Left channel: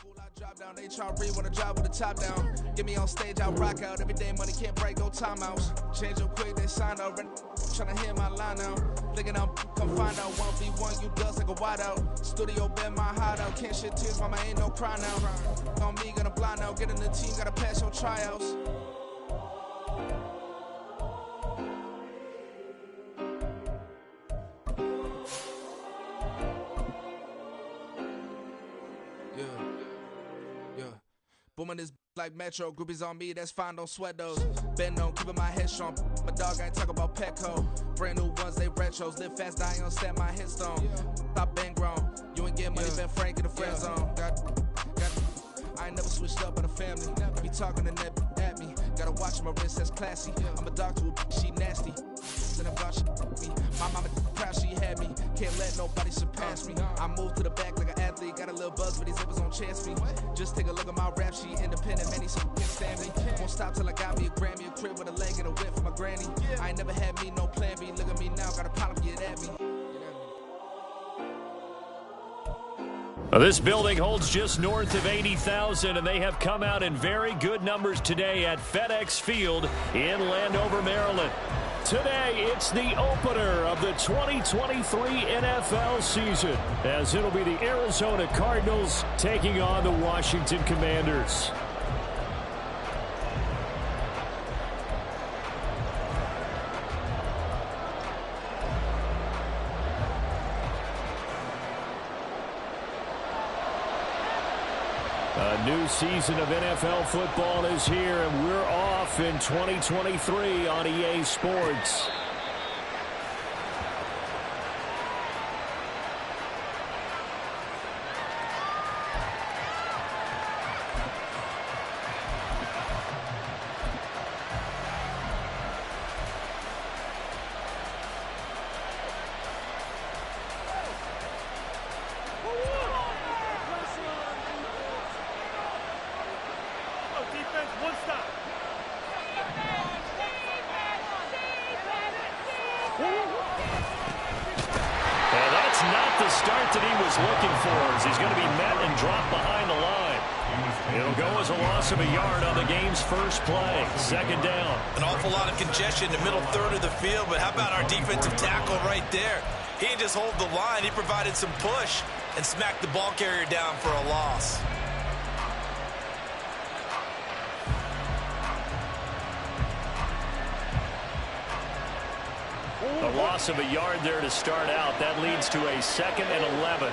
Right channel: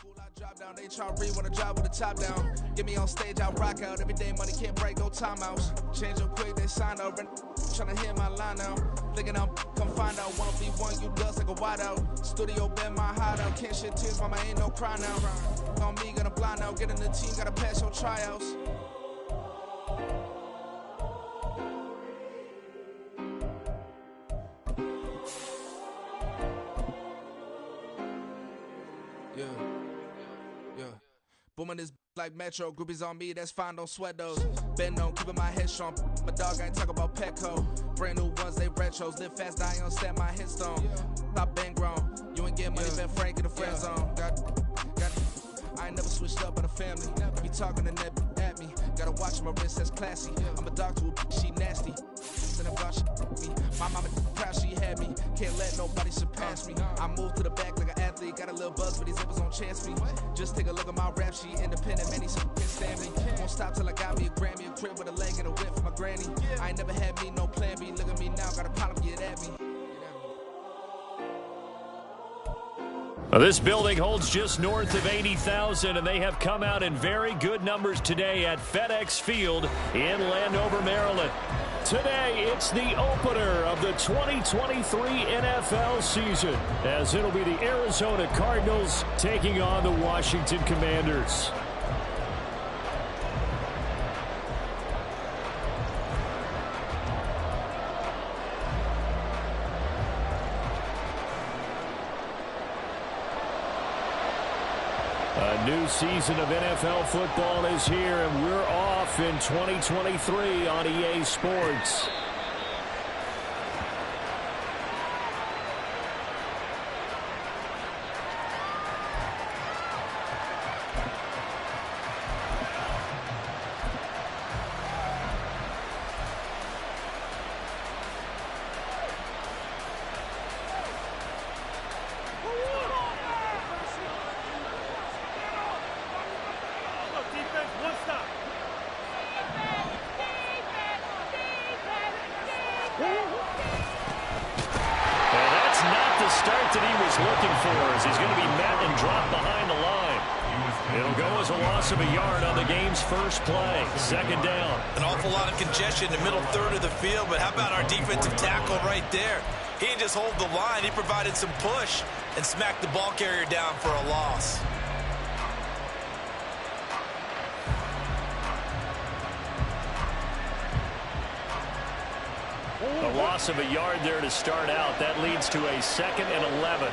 School I drop down, they try to read when I drive with the top down. Get me on stage, I rock out. Every day money can't break, no timeouts. Change up quick, they sign up. Tryna hear my line now. Thinking I'm come find out. 1v1, you dust like a wide out. Studio been my hideout. Can't shed tears, mama ain't no cry now. On me, gonna blind out. Get in the team, gotta pass your tryouts. Yeah. Booming this like Metro. Groupies on me, that's fine, don't sweat those. Bend on, keeping my head strong. My dog ain't talk about Petco. Brand new ones, they retros. Live fast, die on set my headstone. Stop been grown. You ain't get money, been Frank in the friend zone. Got. I ain't never switched up on the family. Be talking to that at me. Gotta watch my wrist, that's classy. I'm a dog to a she nasty. Then about she me. My mama proud she had me. Can't let nobody surpass me. I moved to the back like an athlete. Got a little buzz, but these zippers on chance me. Just take a look at my rap sheet. Independent, many some can't stand me. Won't stop till I got me a Grammy, a crib with a leg and a whip for my granny. I ain't never had me no plan B. Look at me now, got a problem, get at me. This building holds just north of 80,000, and they have come out in very good numbers today at FedEx Field in Landover, Maryland. Today, it's the opener of the 2023 NFL season, as it'll be the Arizona Cardinals taking on the Washington Commanders. A new season of NFL football is here, and we're off in 2023 on EA Sports. And that's not the start that he was looking for, as he's going to be met and dropped behind the line. It'll go as a loss of a yard on the game's first play. Second down. An awful lot of congestion in the middle third of the field, but how about our defensive tackle right there? He didn't just hold the line, he provided some push and smacked the ball carrier down for a loss. A loss of a yard there to start out. That leads to a 2nd and 11.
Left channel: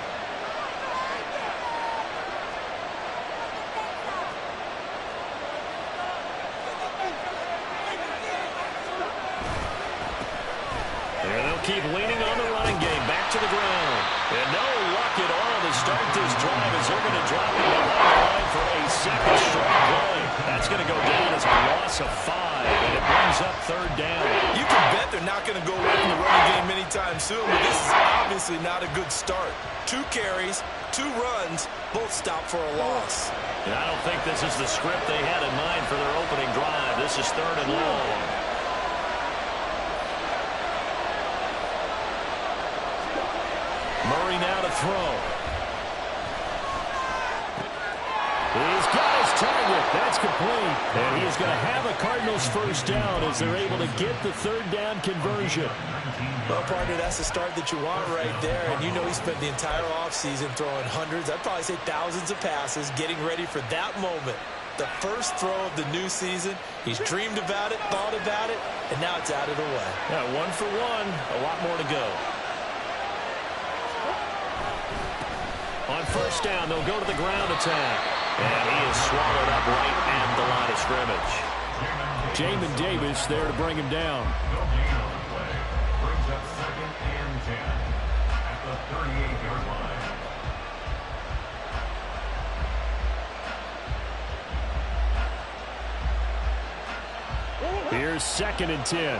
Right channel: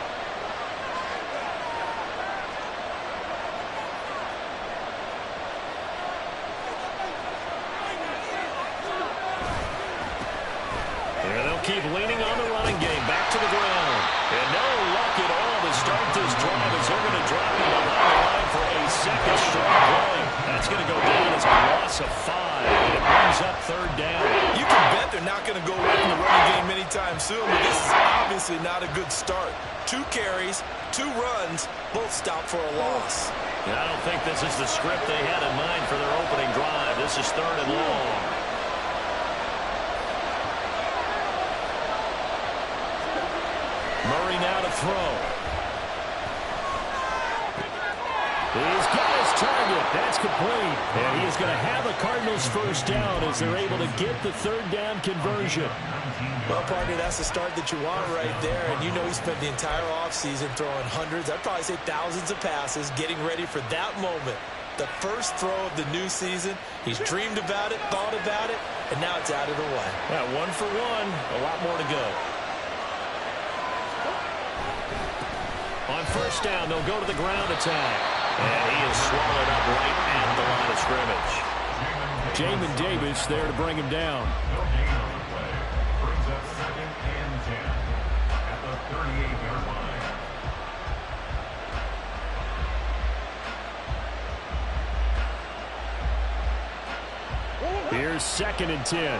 There they'll keep leaning on the running game. Back to the ground. And no luck at all to start this drive, as they're going to drop him behind the line for a second straight play. That's going to go down as a loss of 5, and it brings up third down. You can bet they're not going to go away from the running game anytime soon, but this is obviously not a good start. 2 carries, 2 runs, both stopped for a loss. And I don't think this is the script they had in mind for their opening drive. This is 3rd and long. Murray now to throw. He's got his target. That's complete. And he is going to have a Cardinals first down as they're able to get the 3rd down conversion. Well, partner, that's the start that you want right there. And you know he spent the entire offseason throwing hundreds, I'd probably say thousands of passes, getting ready for that moment. The first throw of the new season. He's dreamed about it, thought about it, and now it's out of the way. Yeah, 1 for 1. A lot more to go. On first down, they'll go to the ground attack. And he is swallowed up right at the line of scrimmage. Jamin Davis there to bring him down. No gain on the play. Brings up 2nd and 10 at the 38-yard line. Here's 2nd and 10.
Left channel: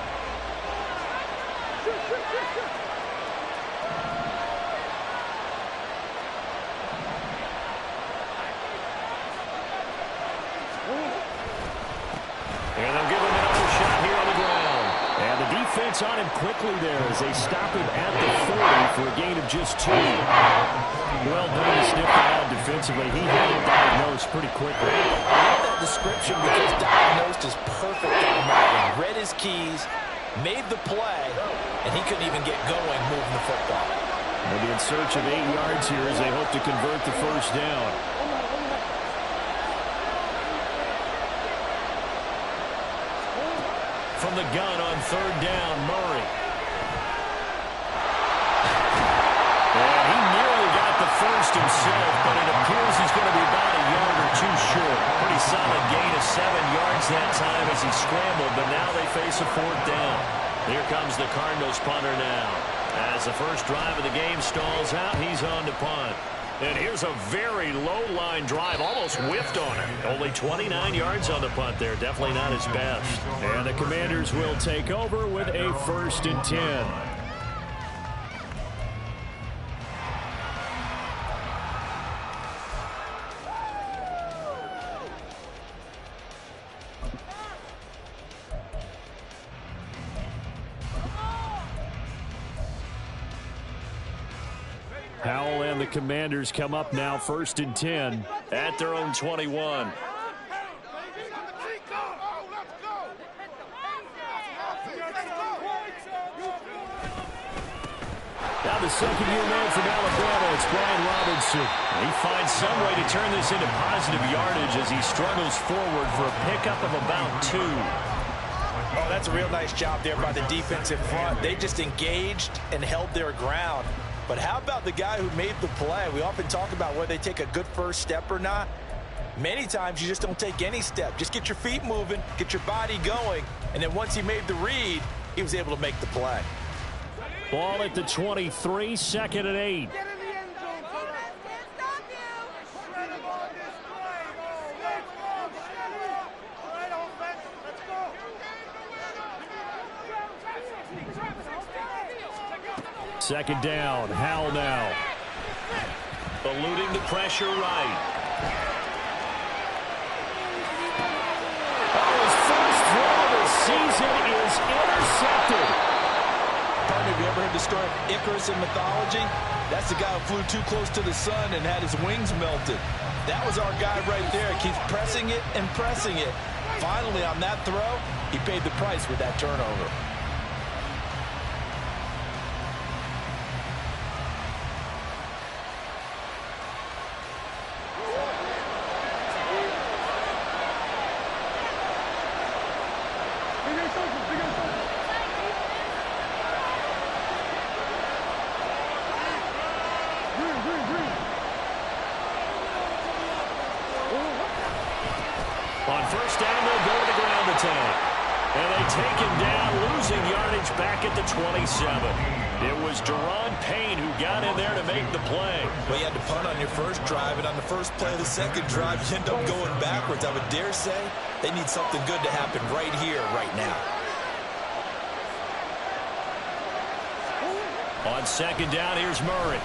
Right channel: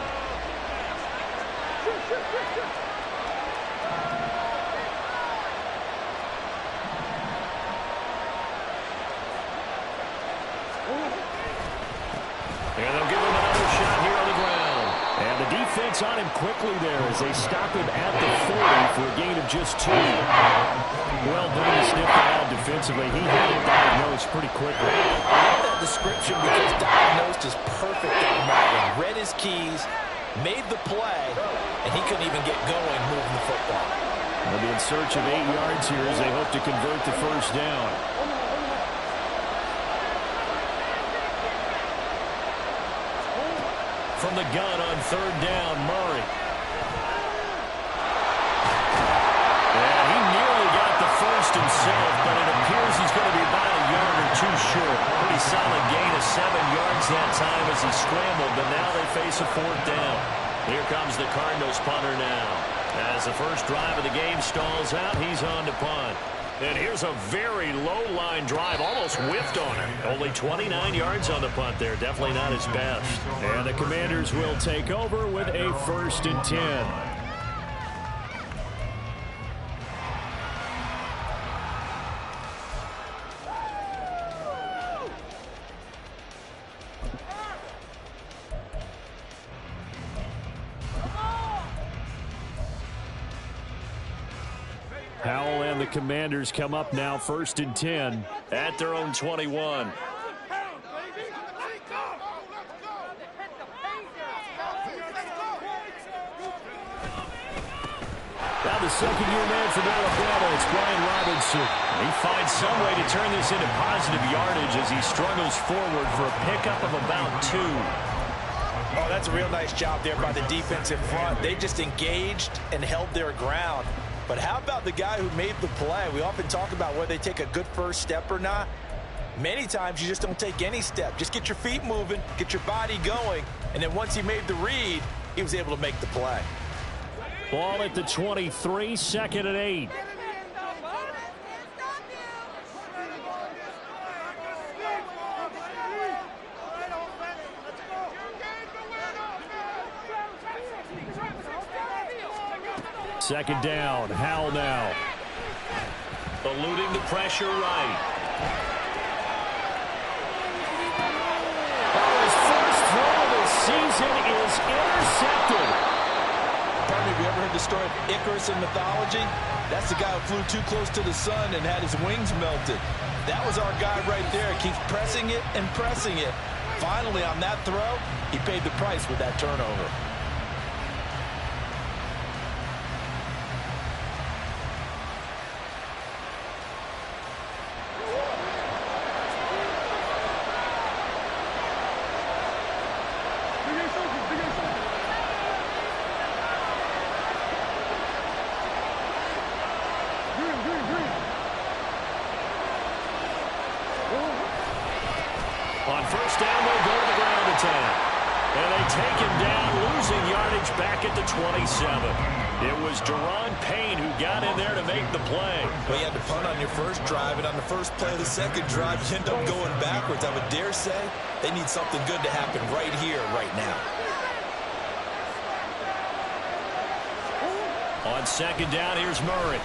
And they'll give him another shot here on the ground. And the defense on him quickly there as they stop him at the 40 for a gain of just 2. Well done to sniff that out defensively. He had it diagnosed pretty quickly. I love that description because diagnosed is perfect on that one. Read his keys, made the play, and he couldn't even get going moving the football. They'll be in search of 8 yards here as they hope to convert the first down. From the gun on 3rd down, Murray. And he nearly got the first himself, but it appears he's going to be about a yard or 2 short. Pretty solid gain of 7 yards that time as he scrambled, but now they face a 4th down. Here comes the Cardinals punter now. As the first drive of the game stalls out, he's on to punt. And here's a very low-line drive, almost whiffed on it. Only 29 yards on the punt there, definitely not his best. And the Commanders will take over with a 1st and 10. Howell and the Commanders come up now 1st and 10 at their own 21. Now the second-year man from Alabama, it's Brian Robinson. He finds some way to turn this into positive yardage as he struggles forward for a pickup of about 2. Oh, that's a real nice job there by the defensive front. They just engaged and held their ground. But how about the guy who made the play? We often talk about whether they take a good first step or not. Many times you just don't take any step. Just get your feet moving, get your body going, and then once he made the read, he was able to make the play. Ball at the 23, 2nd and 8. Second down, Howell now. Eluding the pressure right. Oh, his first throw of the season is intercepted. Pardon me, have you ever heard the story of Icarus in mythology? That's the guy who flew too close to the sun and had his wings melted. That was our guy right there. Keeps pressing it and pressing it. Finally, on that throw, he paid the price with that turnover. On first down, they'll go to the ground attack. And they take him down, losing yardage back at the 27. It was Deron Payne who got in there to make the play. Well, you had to punt on your first drive, and on the first play of the second drive, you end up going backwards. I would dare say they need something good to happen right here, right now. On second down, here's Murray.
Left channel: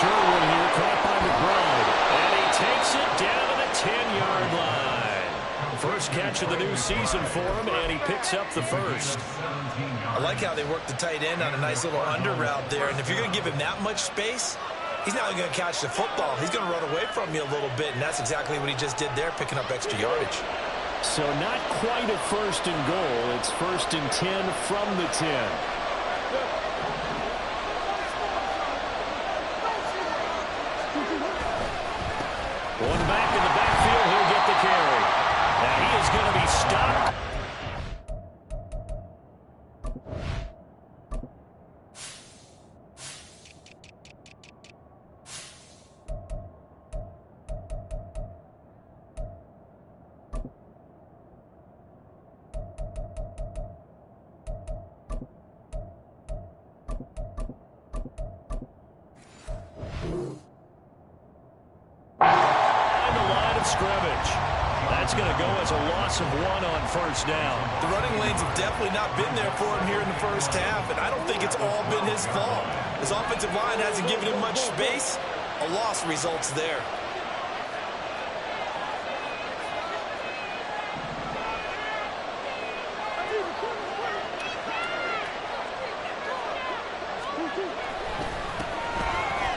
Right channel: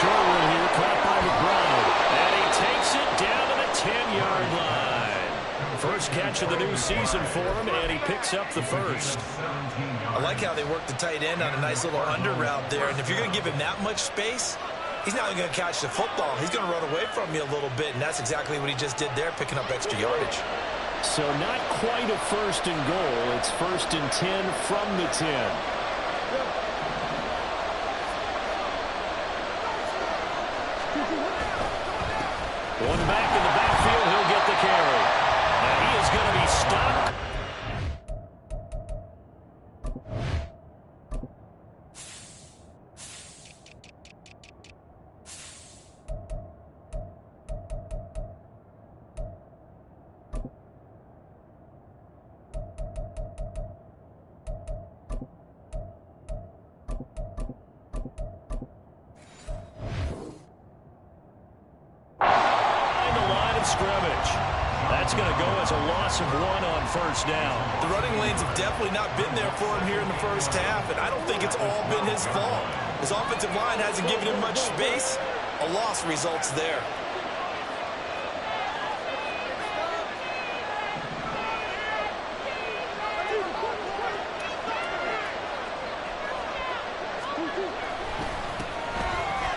Short one here, caught by McBride. And he takes it down to the 10-yard line. First catch of the new season for him, and he picks up the first. I like how they work the tight end on a nice little under route there. And if you're going to give him that much space, he's not only going to catch the football, he's going to run away from you a little bit. And that's exactly what he just did there, picking up extra yardage. So not quite a 1st and goal. It's 1st and 10 from the 10. One back in the backfield, he'll get the carry. And he is going to be stopped. Scrimmage. That's going to go as a loss of 1 on first down. The running lanes have definitely not been there for him here in the first half, and I don't think it's all been his fault. His offensive line hasn't given him much space. A loss results there.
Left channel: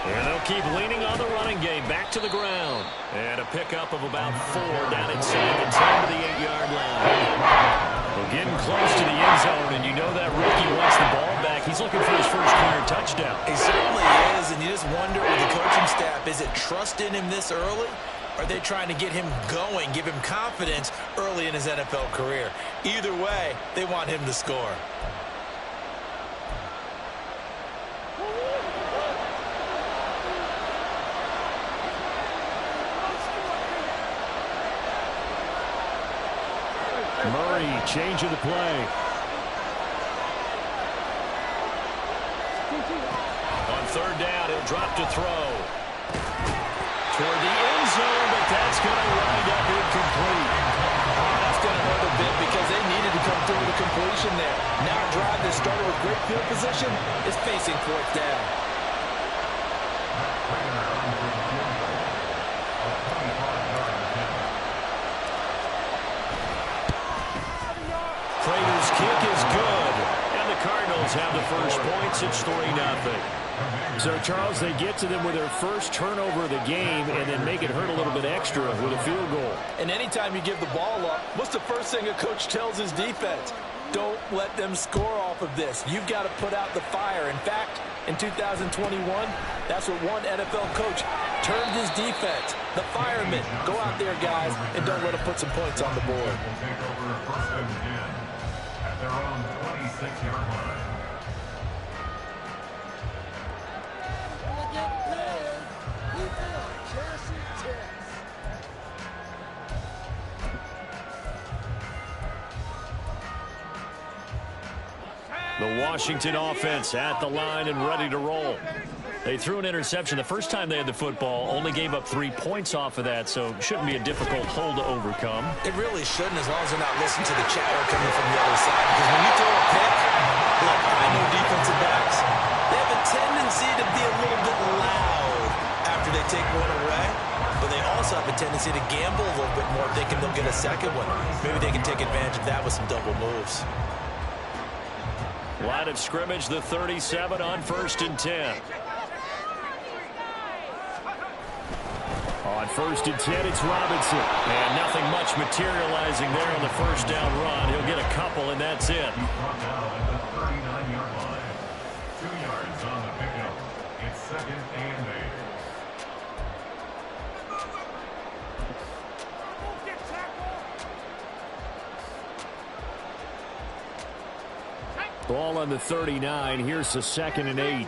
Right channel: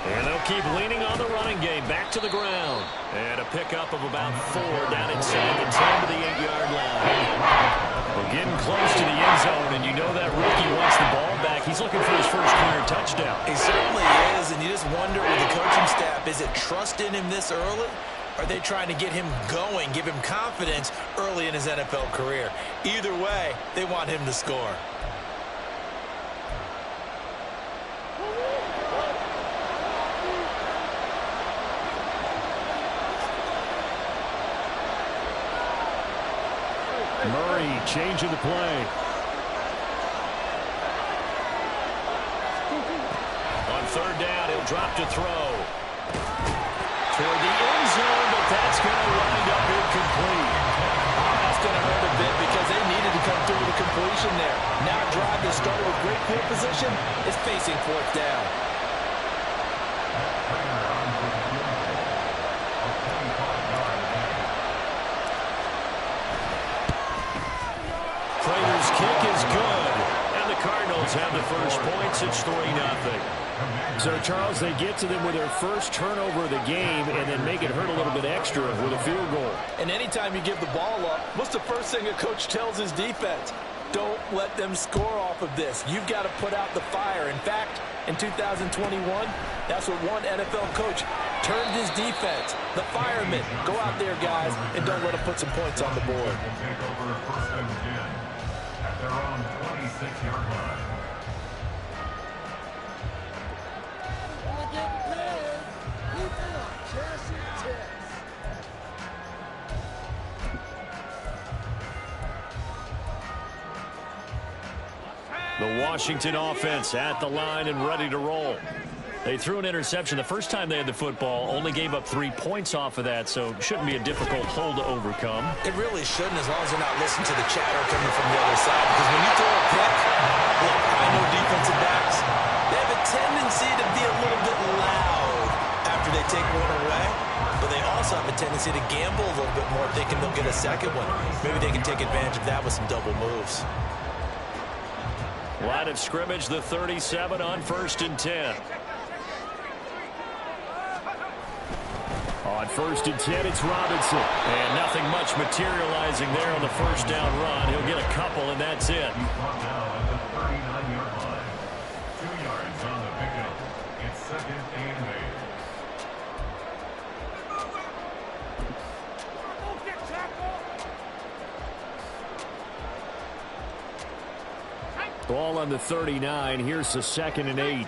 And they'll keep leaning on the running game. Back to the ground. And a pickup of about 4 down inside the 10 to the 8-yard line. Well, getting close to the end zone, and you know that rookie wants the ball back. He's looking for his first career touchdown. He certainly is, and you just wonder with the coaching staff, is it trust in him this early? Or are they trying to get him going, give him confidence early in his NFL career? Either way, they want him to score. Murray changing the play. On third down, he'll drop to throw. Toward the end zone, but that's going to wind up incomplete. Oh, that's going to hurt a bit because they needed to come through with a completion there. Now a drive that started with great field position is facing fourth down. Prater's kick is good, and the Cardinals have the first points. It's 3-0. So, Charles, they get to them with their first turnover of the game and then make it hurt a little bit extra with a field goal. And anytime you give the ball up, what's the first thing a coach tells his defense? Don't let them score off of this. You've got to put out the fire. In fact, in 2021, that's what one NFL coach termed his defense. The firemen. Go out there, guys, and don't let them put some points on the board. Will take over first and 10 at their own 26-yard line. The Washington offense at the line and ready to roll. They threw an interception the first time they had the football, only gave up 3 points off of that, so it shouldn't be a difficult hole to overcome. It really shouldn't, as long as they're not listening to the chatter coming from the other side, because when you throw a pick, look, I know defensive backs, they have a tendency to be a little bit loud after they take one away, but they also have a tendency to gamble a little bit more, thinking they'll get a second one. Maybe they can take advantage of that with some double moves. Line of scrimmage, the 37 on first and 10. On first and 10, it's Robinson. And nothing much materializing there on the first down run. He'll get a couple, and that's it. He's brought down at the 39-yard line. 2 yards on the pickup. It's second and 8. Ball on the 39. Here's the second and 8.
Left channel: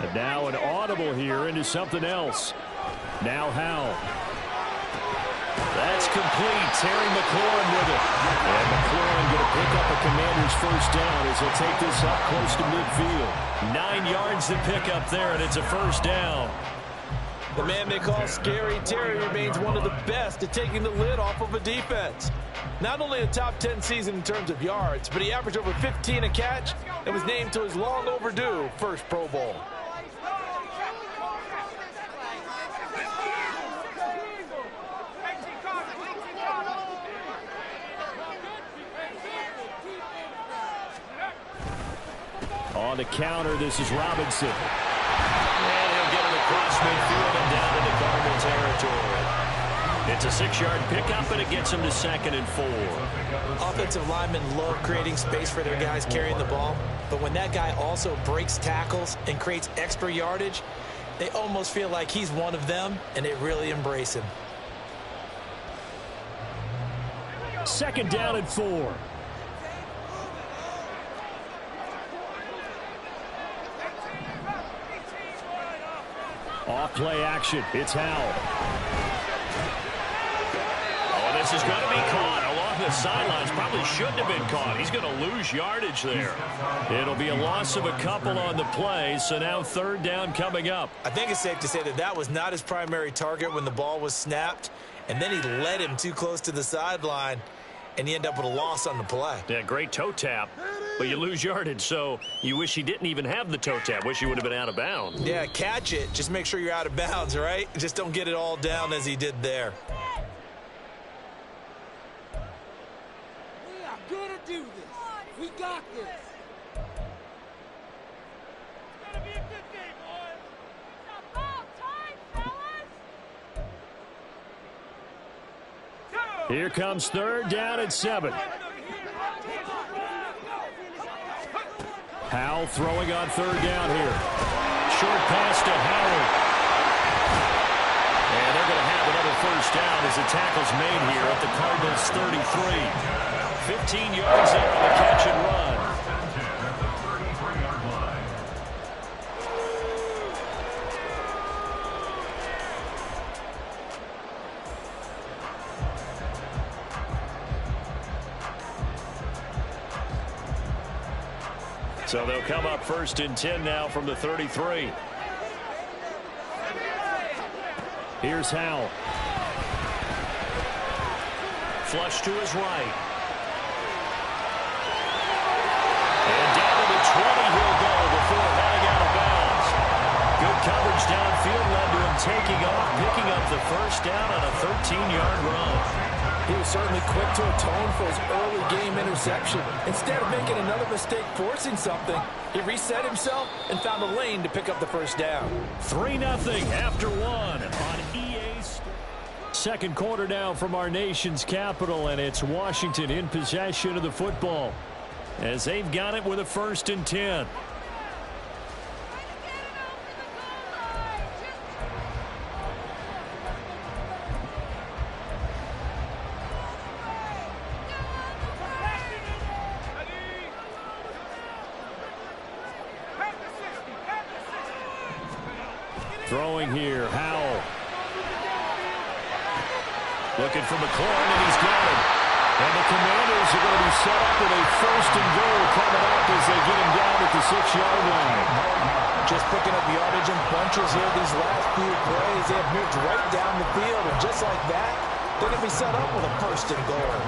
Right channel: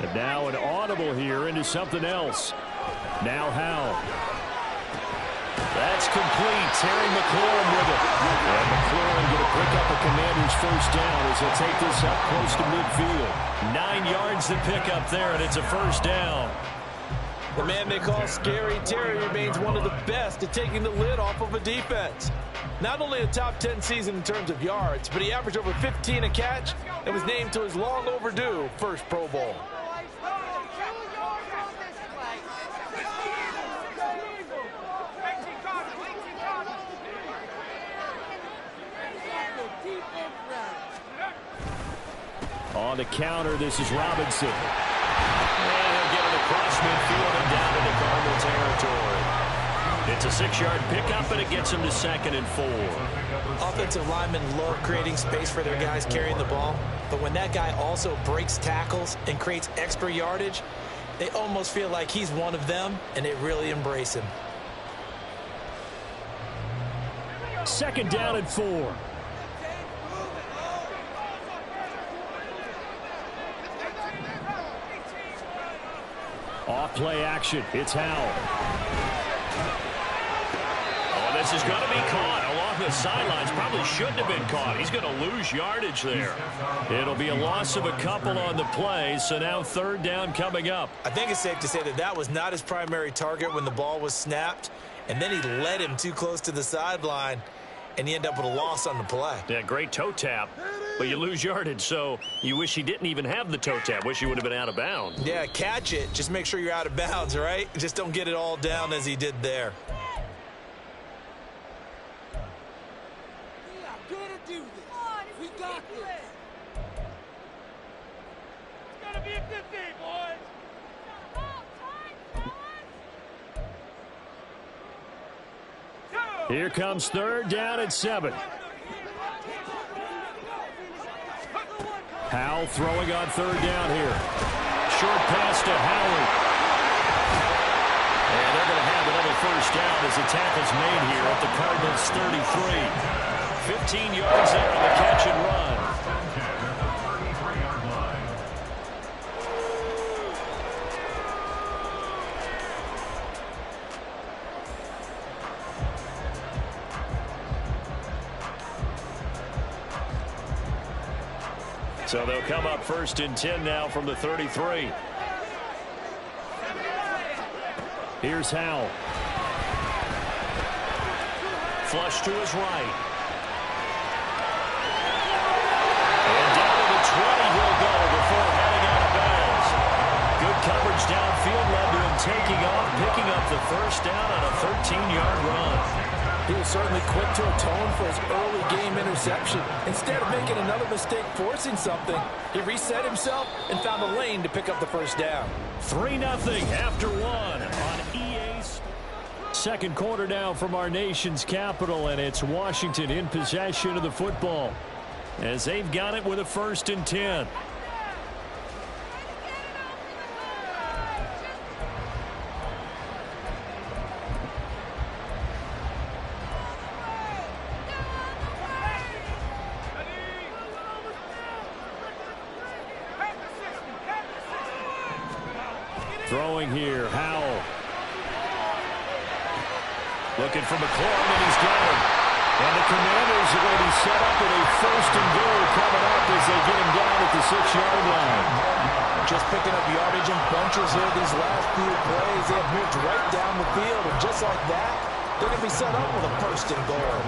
And now an audible here into something else. Now Howell. That's complete. Terry McLaurin with it. And McLaurin going to pick up a Commander's first down as he'll take this up close to midfield. 9 yards to pick up there, and it's a first down. The man they call Scary Terry remains one of the best at taking the lid off of a defense. Not only a top 10 season in terms of yards, but he averaged over 15 a catch and was named to his long overdue first Pro Bowl. On the counter, this is Robinson. And he'll get it across midfield and down into Cardinal territory. It's a 6-yard pickup, and it gets him to second and 4. Offensive linemen love creating space for their guys carrying the ball, but when that guy also breaks tackles and creates extra yardage, they almost feel like he's one of them, and they really embrace him. Second down and 4. Off play action. It's Howell. Oh, this is going to be caught along the sidelines. Probably shouldn't have been caught. He's going to lose yardage there. It'll be a loss of a couple on the play, so now third down coming up. I think it's safe to say that that was not his primary target when the ball was snapped, and then he led him too close to the sideline, and you end up with a loss on the play. Yeah, great toe tap, but you lose yardage, so you wish he didn't even have the toe tap. Wish he would have been out of bounds. Yeah, catch it. Just make sure you're out of bounds, right? Just don't get it all down as he did there. We are going to do this. We got this. It's going to be a good day, boys. Here comes third down and 7. Howell throwing on third down here. Short pass to Howard. And they're going to have another first down as the tackle's made here at the Cardinals' 33. 15 yards there on the catch and run. So they'll come up first and 10 now from the 33. Here's Howell. Flush to his right. And down to the 20 he'll go before heading out of bounds. Good coverage downfield led to him taking off, picking up the first down on a 13-yard run. He was certainly quick to atone for his early game interception. Instead of making another mistake forcing something, he reset himself and found a lane to pick up the first down. 3-0 after 1 on EA Sports. Second quarter now from our nation's capital, and it's Washington in possession of the football as they've got it with a first and 10. Throwing here, Howell. Looking for McLaurin, and he's got him. And the Commanders are going to be set up with a first and goal coming up as they get him down at the 6-yard line. Just picking up yardage in bunches here these last few plays. They have moved right down the field, and just like that, they're going to be set up with a first and goal.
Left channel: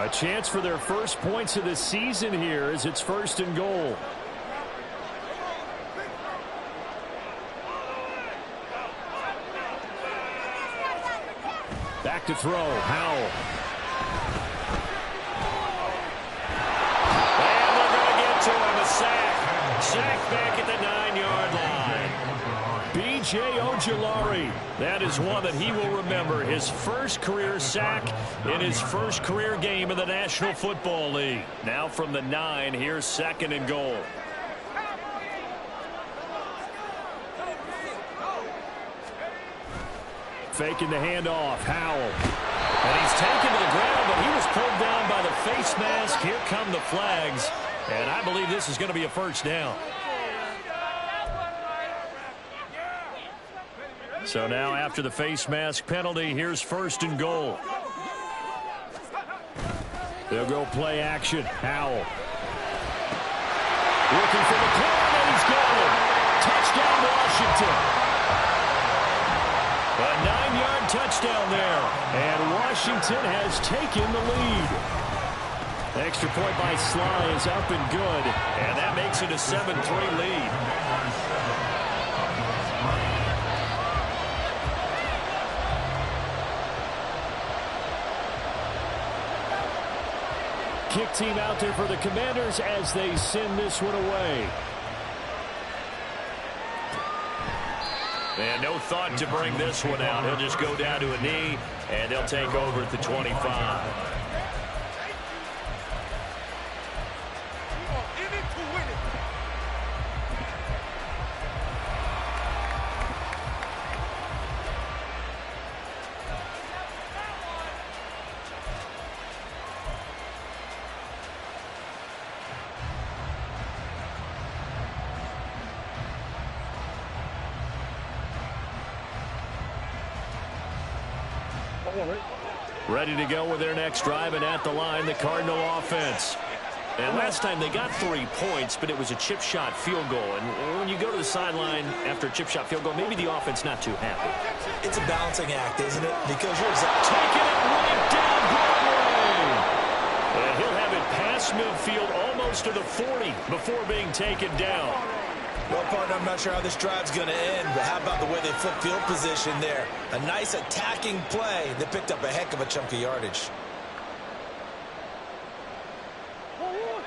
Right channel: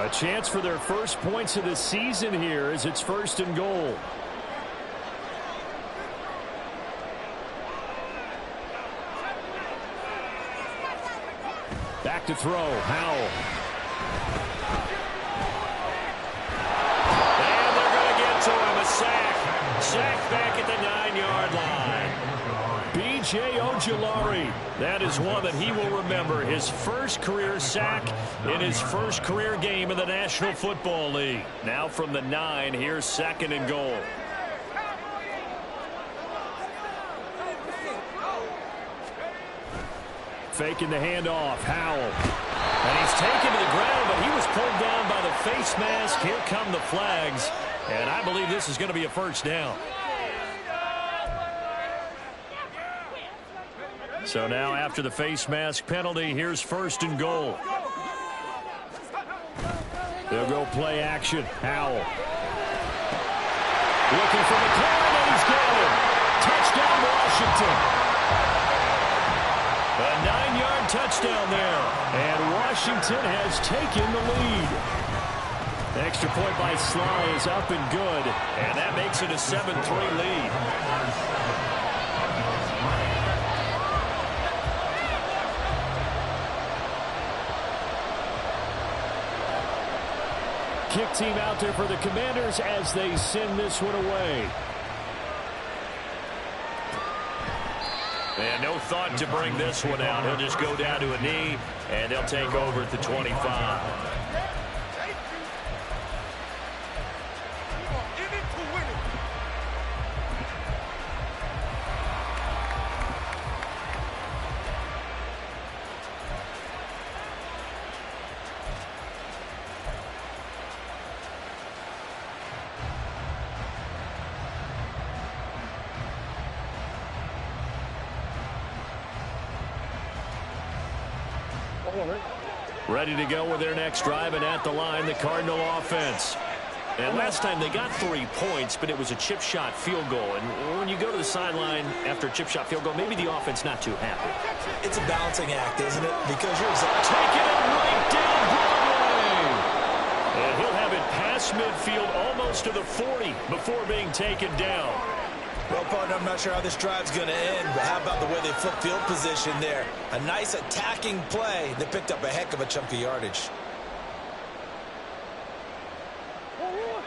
A chance for their first points of the season here as it's first and goal. Back to throw, Howell. And they're going to get to him, a sack. Sack back at the 9-yard line. B.J. Ojulari, that is one that he will remember. His first career sack in his first career game in the National Football League. Now from the 9, here's second and goal. Faking the handoff, Howell. And he's taken to the ground, but he was pulled down by the face mask. Here come the flags, and I believe this is going to be a first down. So now after the face mask penalty, here's first and goal. They'll go play action, Howell. Looking for McLaurin, and he's got him. Touchdown, Washington. A 9-yard touchdown there, and Washington has taken the lead. The extra point by Sly is up and good, and that makes it a 7-3 lead. Kick team out there for the Commanders as they send this one away. And no thought to bring this one out. He'll just go down to a knee, and they'll take over at the 25. Ready to go with their next drive, and at the line, the Cardinal offense. And last time they got 3 points, but it was a chip shot field goal. And when you go to the sideline after a chip shot field goal, maybe the offense not too happy. It's a balancing act, isn't it? Because you're taking it right down Broadway. And he'll have it past midfield almost to the 40 before being taken down. Well, partner, I'm not sure how this drive's going to end, but how about the way they flip field position there? A nice attacking play. They picked up a heck of a chunk of yardage.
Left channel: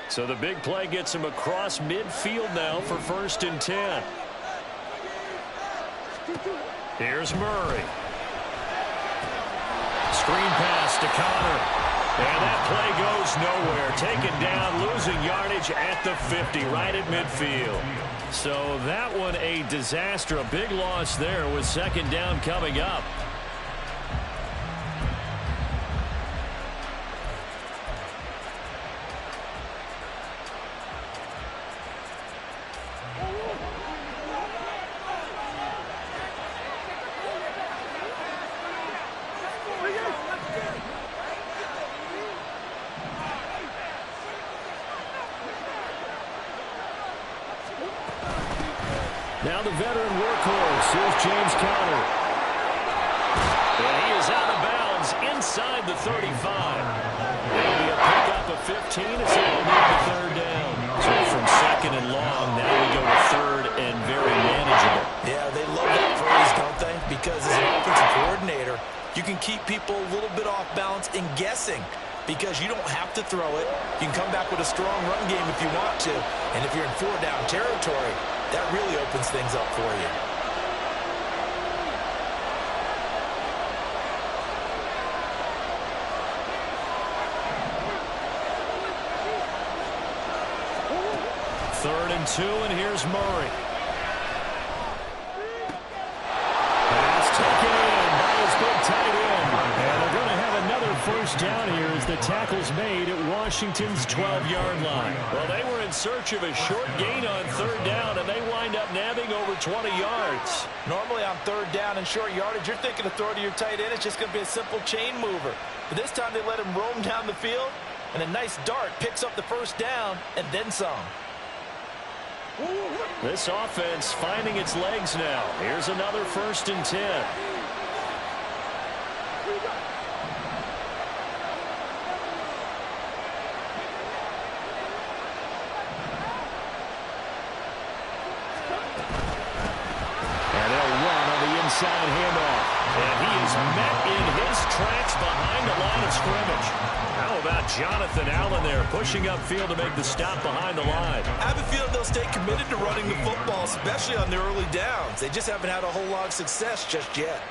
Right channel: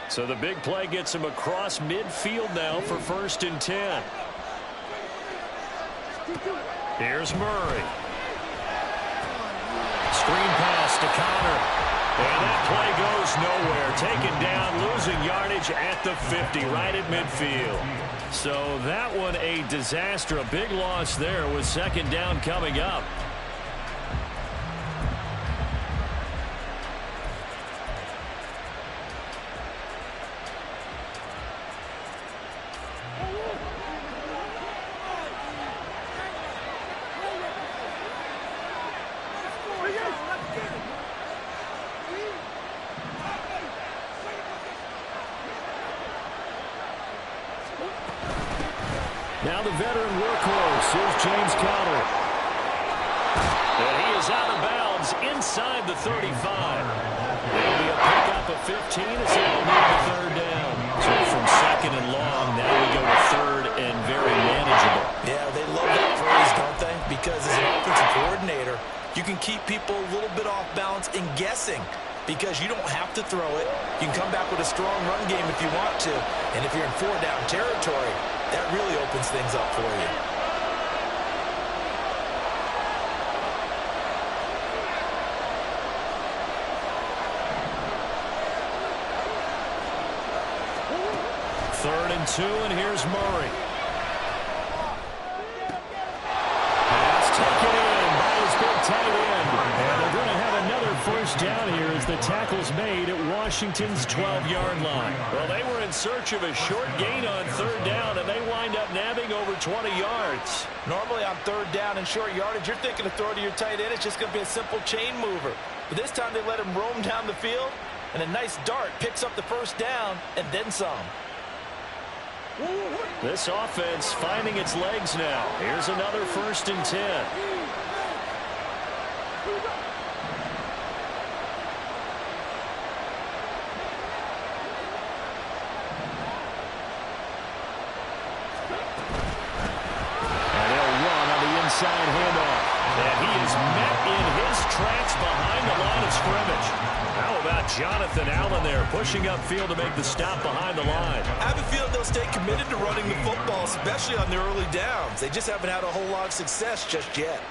So the big play gets him across midfield now for first and 10. Here's Murray. Screen pass to Connor. And that play goes nowhere. Taken down, losing yardage at the 50, right at midfield. So that one a disaster. A big loss there with second down coming up. Now the veteran workhorse. Here's James Conner. And he is out of bounds inside the 35. It'll be a pickup of 15 as they'll move the third down. So from second and long, now we go to third and very manageable. Yeah, they love that phrase, don't they? Because as an offensive coordinator, you can keep people a little bit off balance and guessing. Because you don't have to throw it. You can come back with a strong run game if you want to. And if you're in four-down territory, that really opens things up for you. Third and 2, and here's Murray. Pass taken in by his big tight end. And they're going to have another first down here as the tackle's made at Washington's 12-yard line. Well, they were in search of a short gain on third down, and they wind up nabbing over 20 yards. Normally on third down and short yardage, you're thinking to throw to your tight end. It's just going to be a simple chain mover. But this time they let him roam down the field, and a nice dart picks up the first down and then some. This offense finding its legs now. Here's another first and 10. And they'll run on the inside handoff. And he is met in his tracks behind the line of scrimmage. How about Jonathan Allen there pushing upfield to make the stop behind the line? I have a feeling they'll stay committed to running the football, especially on the early downs. They just haven't had a whole lot of success just yet.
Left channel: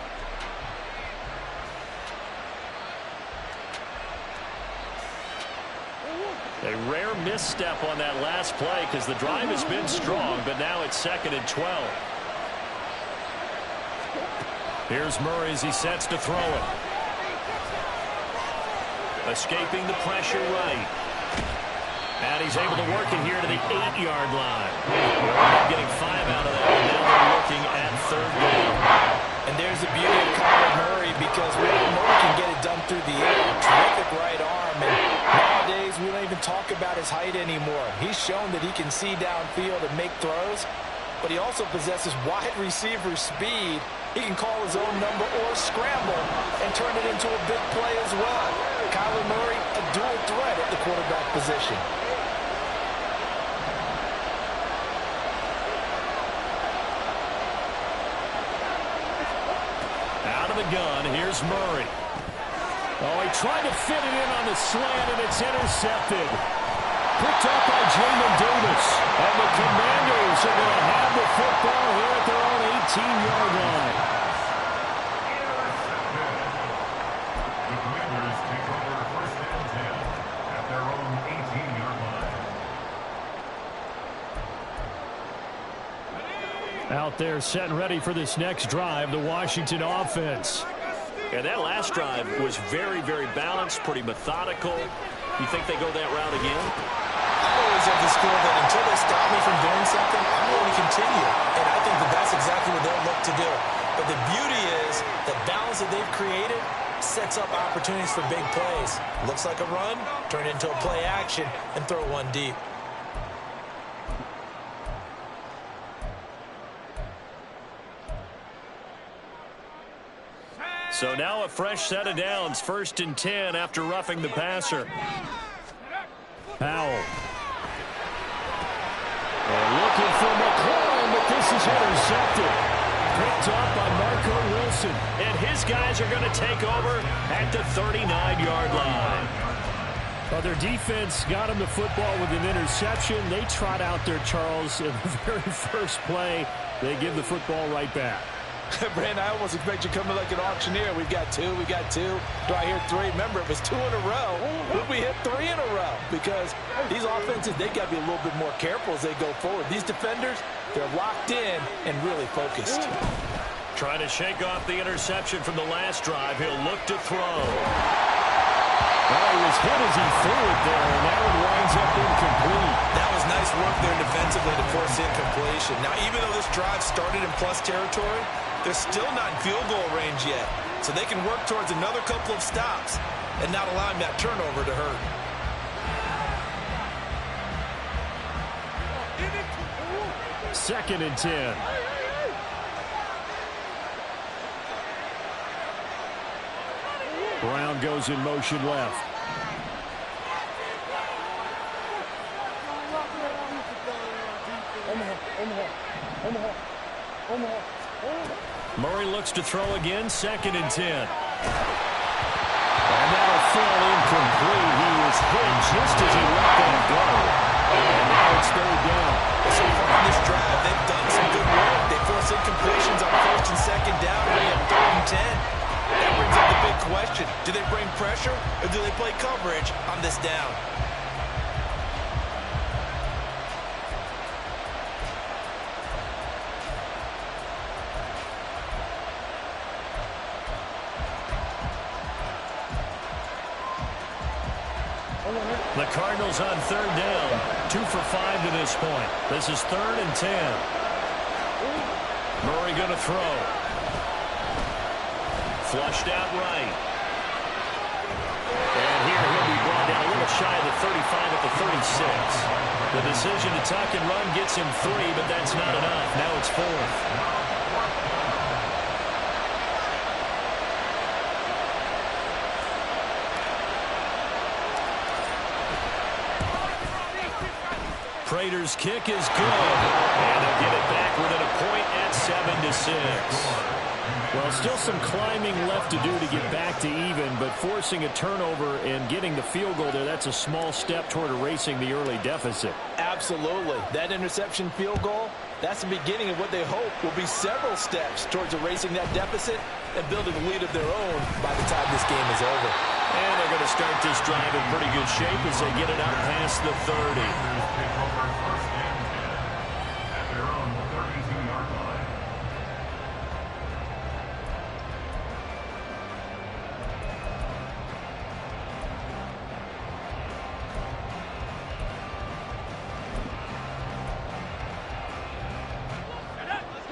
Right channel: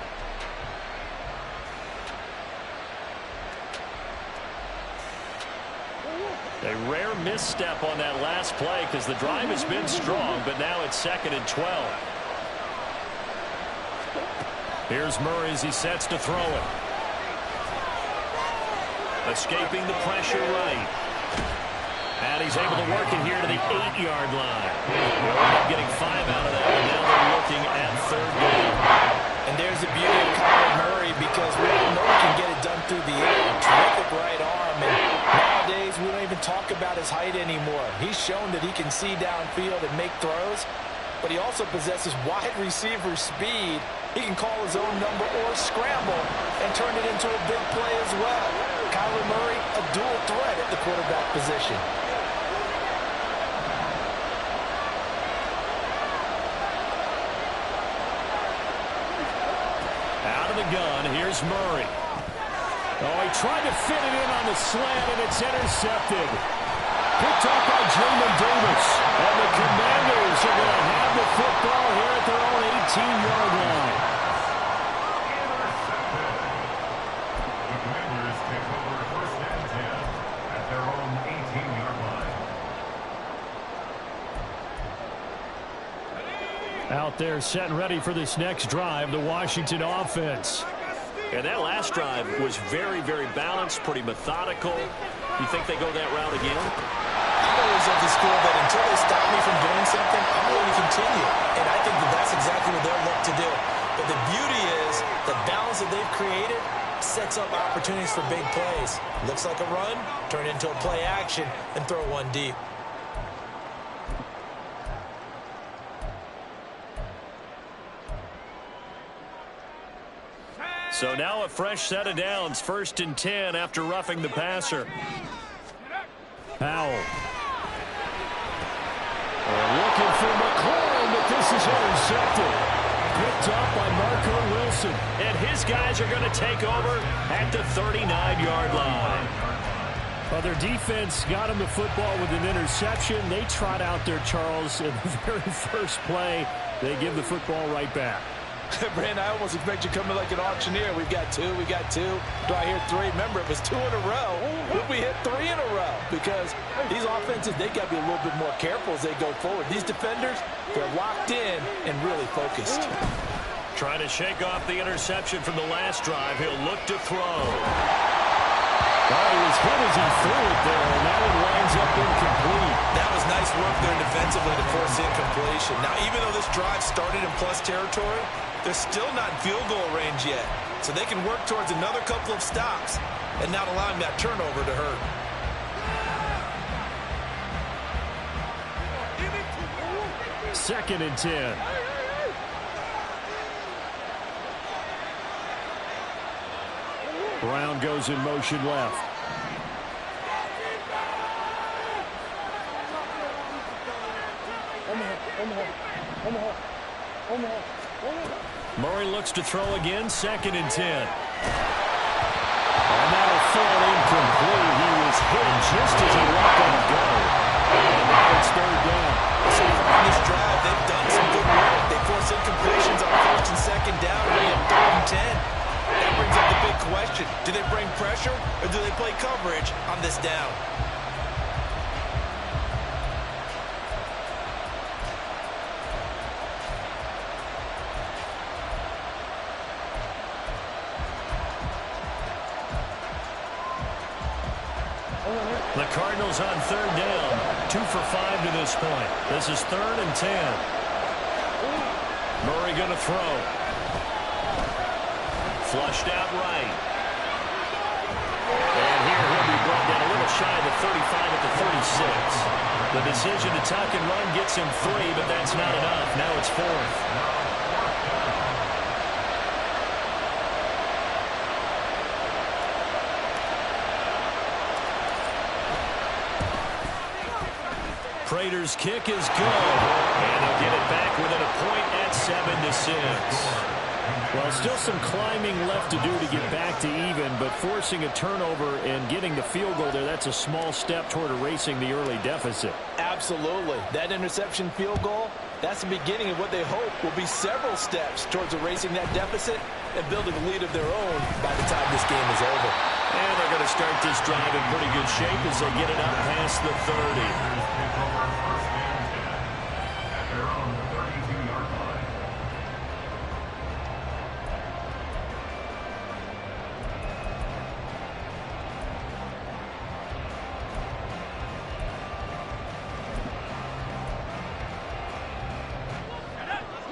A rare misstep on that last play because the drive has been strong, but now it's second and 12. Here's Murray as he sets to throw it. Escaping the pressure right. And he's able to work it here to the 8-yard line. They'll end up getting 5 out of that, and now they're looking at third down. And there's the beauty of Kyler Murray because we all know he can get it done through the air. Terrific right arm. And nowadays, we don't even talk about his height anymore. He's shown that he can see downfield and make throws, but he also possesses wide receiver speed. He can call his own number or scramble and turn it into a big play as well. Kyler Murray, a dual threat at the quarterback position. Out of the gun, here's Murray. Oh, he tried to fit it in on the slant, and it's intercepted. Picked up by Jamin Davis. And the Commanders are going to have the football here at their own 18-yard line. Intercepted. The Commanders take over first and 10 at their own 18-yard line. Out there set and ready for this next drive, the Washington offense. And that last drive was very, very balanced, pretty methodical. You think they go that route again? I'm always of the school that until they stop me from doing something, I'm going to continue. And I think that that's exactly what they'll look to do. But the beauty is the balance that they've created sets up opportunities for big plays. Looks like a run, turn it into a play action, and throw one deep. So now a fresh set of downs, first and 10 after roughing the passer. Powell. And looking for McLaurin, but this is intercepted. Picked up by Marco Wilson. And his guys are going to take over at the 39-yard line. Well, their defense got him the football with an interception. They trot out there, Charles, in the very first play. They give the football right back. Brandon, I almost expect you to come in like an auctioneer. We've got two. Do I hear three? Remember, it was 2 in a row. Would we hit 3 in a row? Because these offenses, they got to be a little bit more careful as they go forward. These defenders, they're locked in and really focused. Trying to shake off the interception from the last drive. He'll look to throw. Oh, he was hit as he threw it there, and that one winds up incomplete. That was nice work there defensively to force incompletion. Now, even though this drive started in plus territory, they're still not in field goal range yet. So they can work towards another couple of stops and not allowing that turnover to hurt. Second and 10. Brown goes in motion left. Murray looks to throw again, second and 10. And that'll fall incomplete. He was hit just as he let that go. And now it's third down. So far on this drive, they've done some good work. They force incompletions on first and second down, really at 3rd and 10. That brings up the big question. Do they bring pressure or do they play coverage on this down? The Cardinals on third down. 2 for 5 to this point. This is 3rd and 10. Murray going to throw. Flushed out right. And here he'll be brought down a little shy of the 35 at the 36. The decision to tuck and run gets him 3, but that's not enough. Now it's 4th. Prater's kick is good, and they'll get it back within a point at 7-6. Well, still some climbing left to do to get back to even, but forcing a turnover and getting the field goal there, that's a small step toward erasing the early deficit. Absolutely. That interception field goal, that's the beginning of what they hope will be several steps towards erasing that deficit and building a lead of their own by the time this game is over. And they're going to start this drive in pretty good shape as they get it up past the 30. Take over 1st and 10 at their own 32-yard line.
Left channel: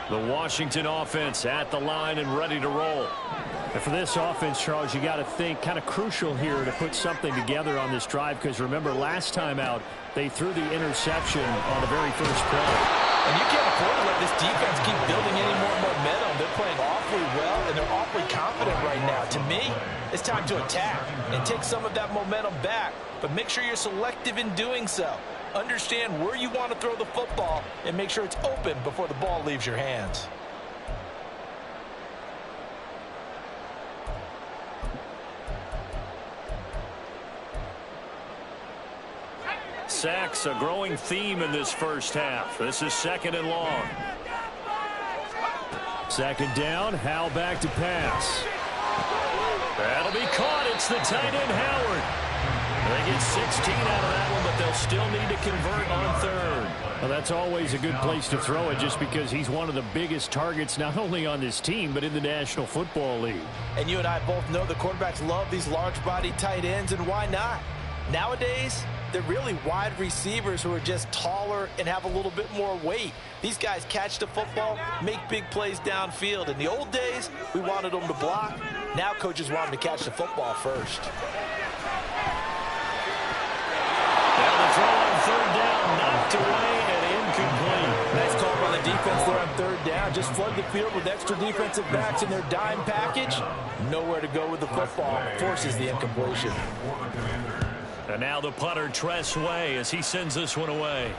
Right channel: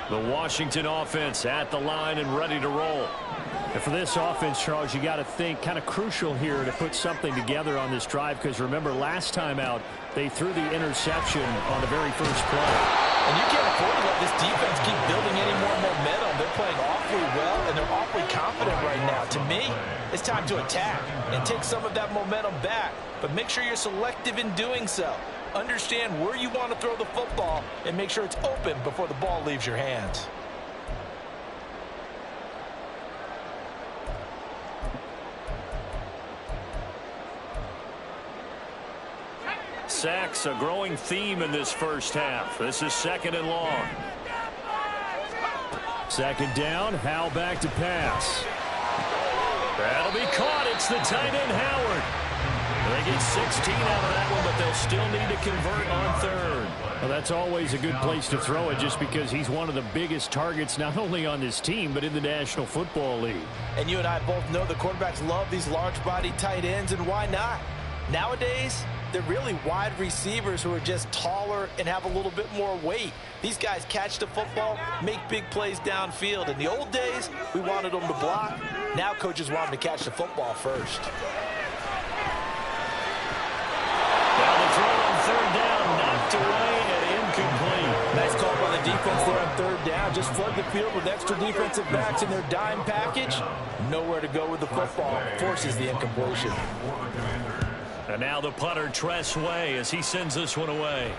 The Washington offense at the line and ready to roll. And for this offense, Charles, you got to think kind of crucial here to put something together on this drive, because remember last time out they threw the interception on the very first play. And you can't afford to let this defense keep building any more momentum. They're playing awfully well, and they're awfully confident right now. To me, it's time to attack and take some of that momentum back, but make sure you're selective in doing so. Understand where you want to throw the football and make sure it's open before the ball leaves your hands. Sacks, a growing theme in this first half. This is 2nd and long. 2nd down, Howell back to pass. That'll be caught. It's the tight end, Howard. They get 16 out of that one, but they'll still need to convert on 3rd. Well, that's always a good place to throw it, just because he's one of the biggest targets not only on this team but in the National Football League. And you and I both know the quarterbacks love these large-bodied tight ends, and why not? Nowadays, they're really wide receivers who are just taller and have a little bit more weight. These guys catch the football, make big plays downfield. In the old days, we wanted them to block. Now coaches want them to catch the football first. Now the throw on 3rd down, knocked away and incomplete. Nice call by the defense there on 3rd down. Just flood the field with extra defensive backs in their dime package. Nowhere to go with the football. Forces the incompletion. And now the punter, Tress Way, as he sends this one away.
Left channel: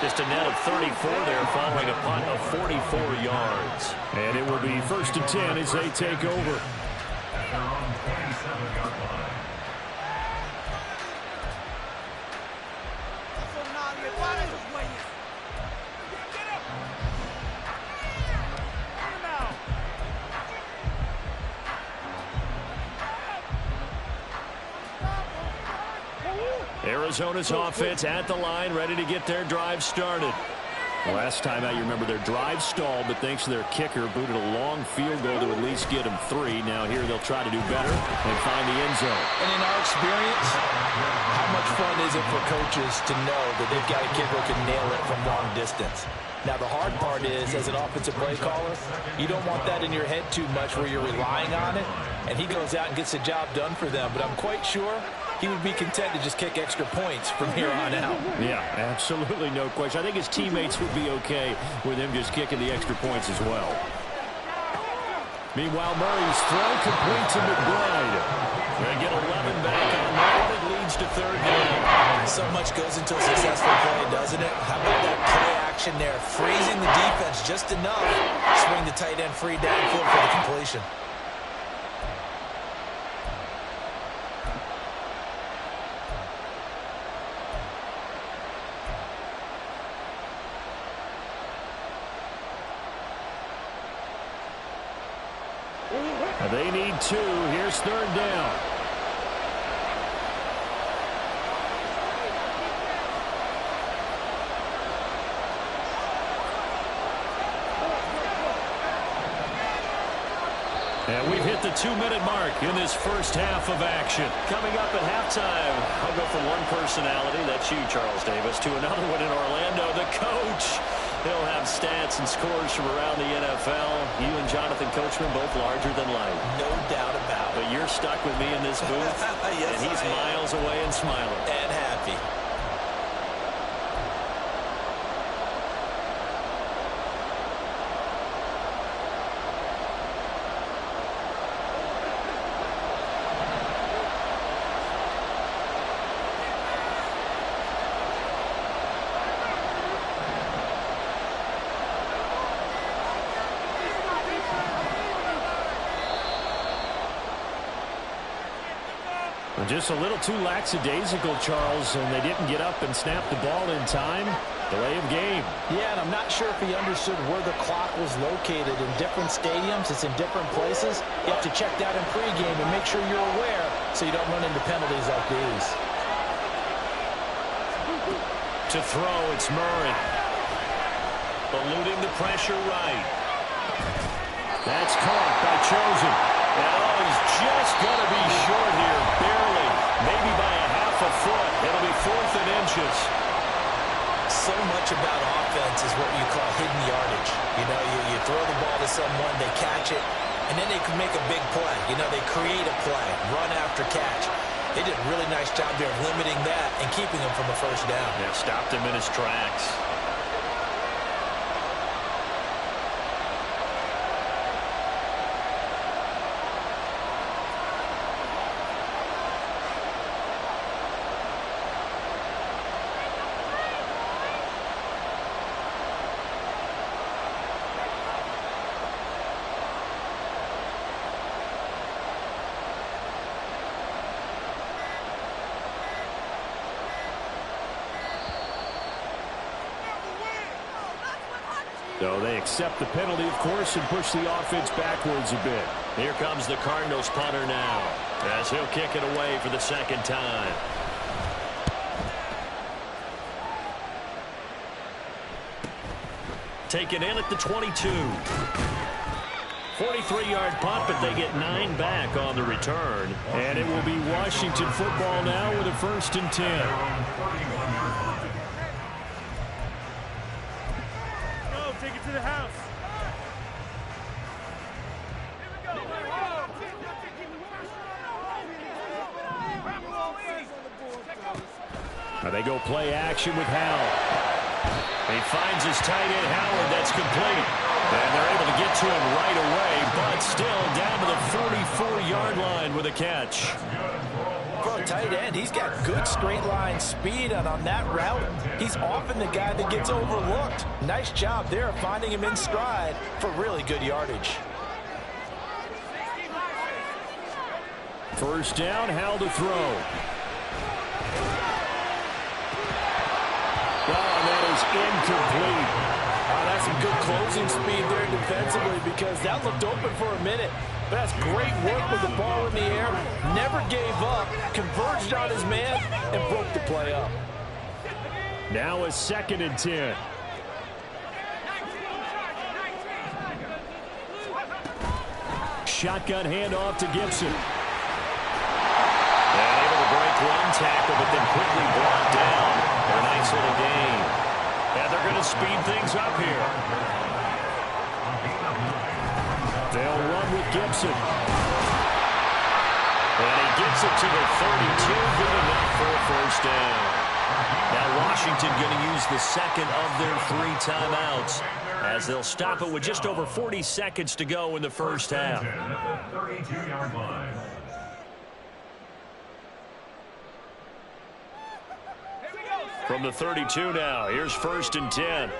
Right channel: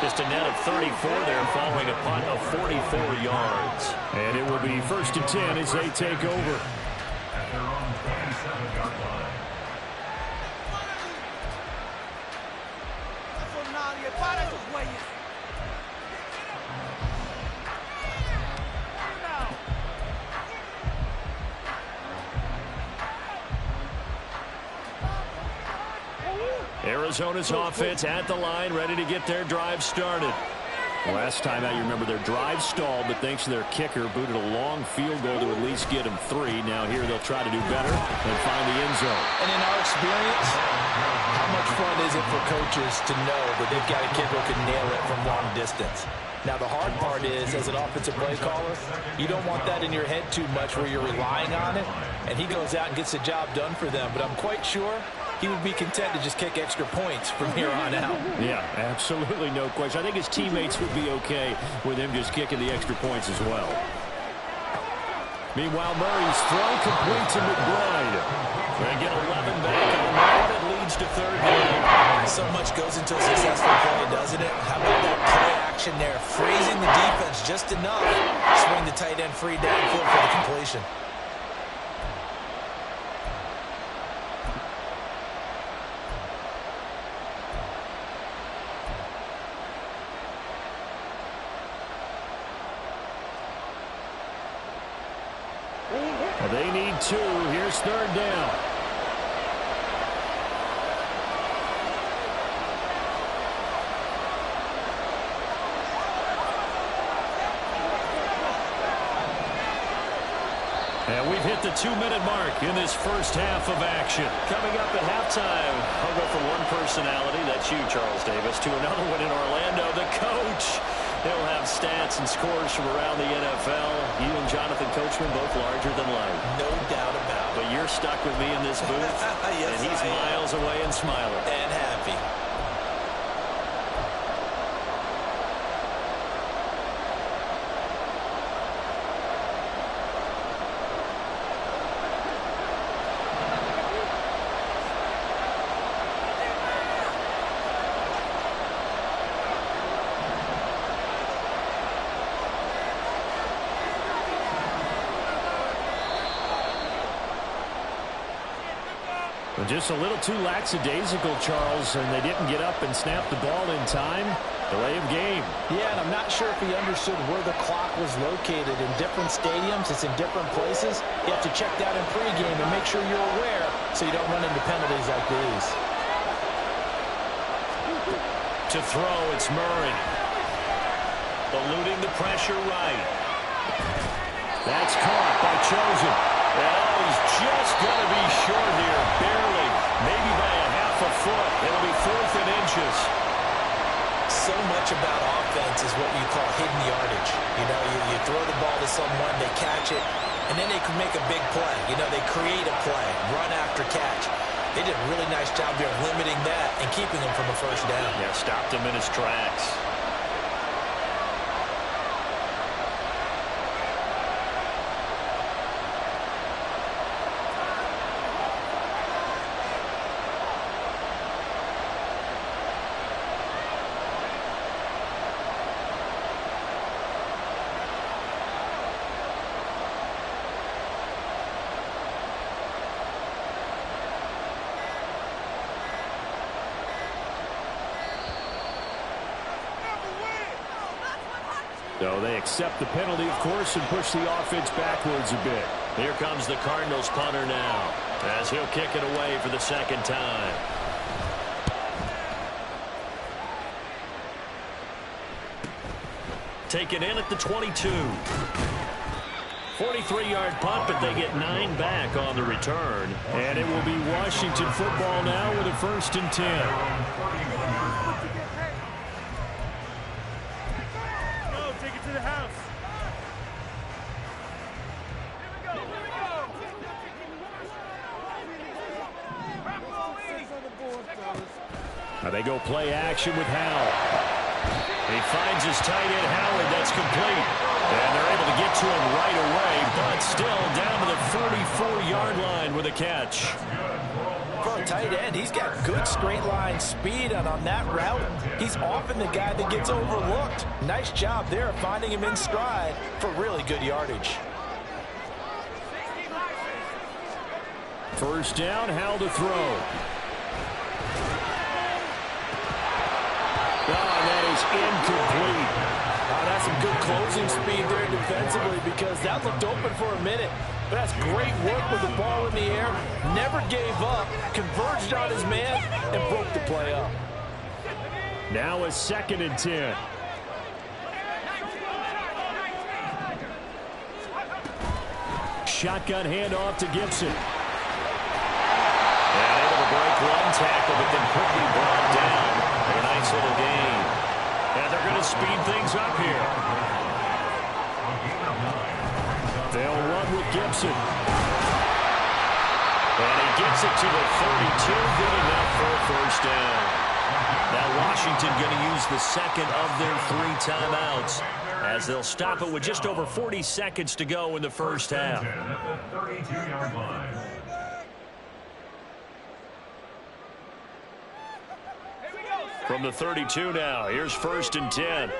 Just a net of 34 there following a punt of 44 yards. And it will be 1st and 10 as they take over. At their own 27-yard line. Arizona's offense at the line, ready to get their drive started. Last time out, you remember their drive stalled, but thanks to their kicker, booted a long field goal to at least get them 3. Now here they'll try to do better and find the end zone. And in our experience, how much fun is it for coaches to know that they've got a kicker who can nail it from long distance? Now, the hard part is, as an offensive play caller, you don't want that in your head too much where you're relying on it, and he goes out and gets the job done for them. But I'm quite sure he would be content to just kick extra points from here on out. Yeah, absolutely no question. I think his teammates would be okay with him just kicking the extra points as well. Meanwhile, Murray's throw complete to McBride. They get 11 back on that one. It leads to third down. So much goes into a successful play, doesn't it? How about that play action there? Freezing the defense just enough. Swing the tight end free downfield for the completion. They need 2. Here's third down. And we've hit the 2-minute mark in this first half of action. Coming up at halftime, I'll go from one personality, that's you, Charles Davis, to another one in Orlando, the coach. He'll have stats and scores from around the NFL. You and Jonathan Coachman, both larger than life. No doubt about it. But you're stuck with me in this booth, yes, and he's miles away and smiling. And happy. Just a little too lackadaisical, Charles, and they didn't get up and snap the ball in time. Delay of game. Yeah, and I'm not sure if he understood where the clock was located. In different stadiums, it's in different places. You have to check that in pregame and make sure you're aware so you don't run into penalties like these. To throw, it's Murray. Eluding the pressure right. That's caught by Chosen. And oh, he's just going to be short here, barely. Maybe by a half a foot. It'll be 4th and inches. So much about offense is what you call hidden yardage. You know, you throw the ball to someone, they catch it, and then they can make a big play. You know, they create a play, run after catch. They did a really nice job there of limiting that and keeping him from a first down. Yeah, stopped him in his tracks. So they accept the penalty, of course, and push the offense backwards a bit. Here comes the Cardinals punter now, as he'll kick it away for the second time. Taken in at the 22. 43-yard punt, but they get 9 back on the return. And it will be Washington football now with a 1st and 10. To the house. Now they go play action with Howell. He finds his tight end Howard. That's complete. And they're able to get to him right away, but still down to the 44-yard line with a catch. For a tight end, he's got good straight line speed, and on that route, he's often the guy that gets overlooked. Nice job there finding him in stride for really good yardage. First down, Howell to throw. Oh, and that is incomplete. That's some good closing speed there defensively because that looked open for a minute. But that's great work with the ball in the air. Never gave up, converged on his man, and broke the play up. Now a 2nd and 10. Shotgun handoff to Gibson. And able to break one tackle, but then quickly brought down with a nice little gain. And they're going to speed things up here. They'll run with Gibson. And he gets it to the 32. Good enough for a first down. Now Washington going to use the second of their 3 timeouts, as they'll stop it with just over 40 seconds to go in the first half. 32-yard line. From the 32 now, here's 1st and 10.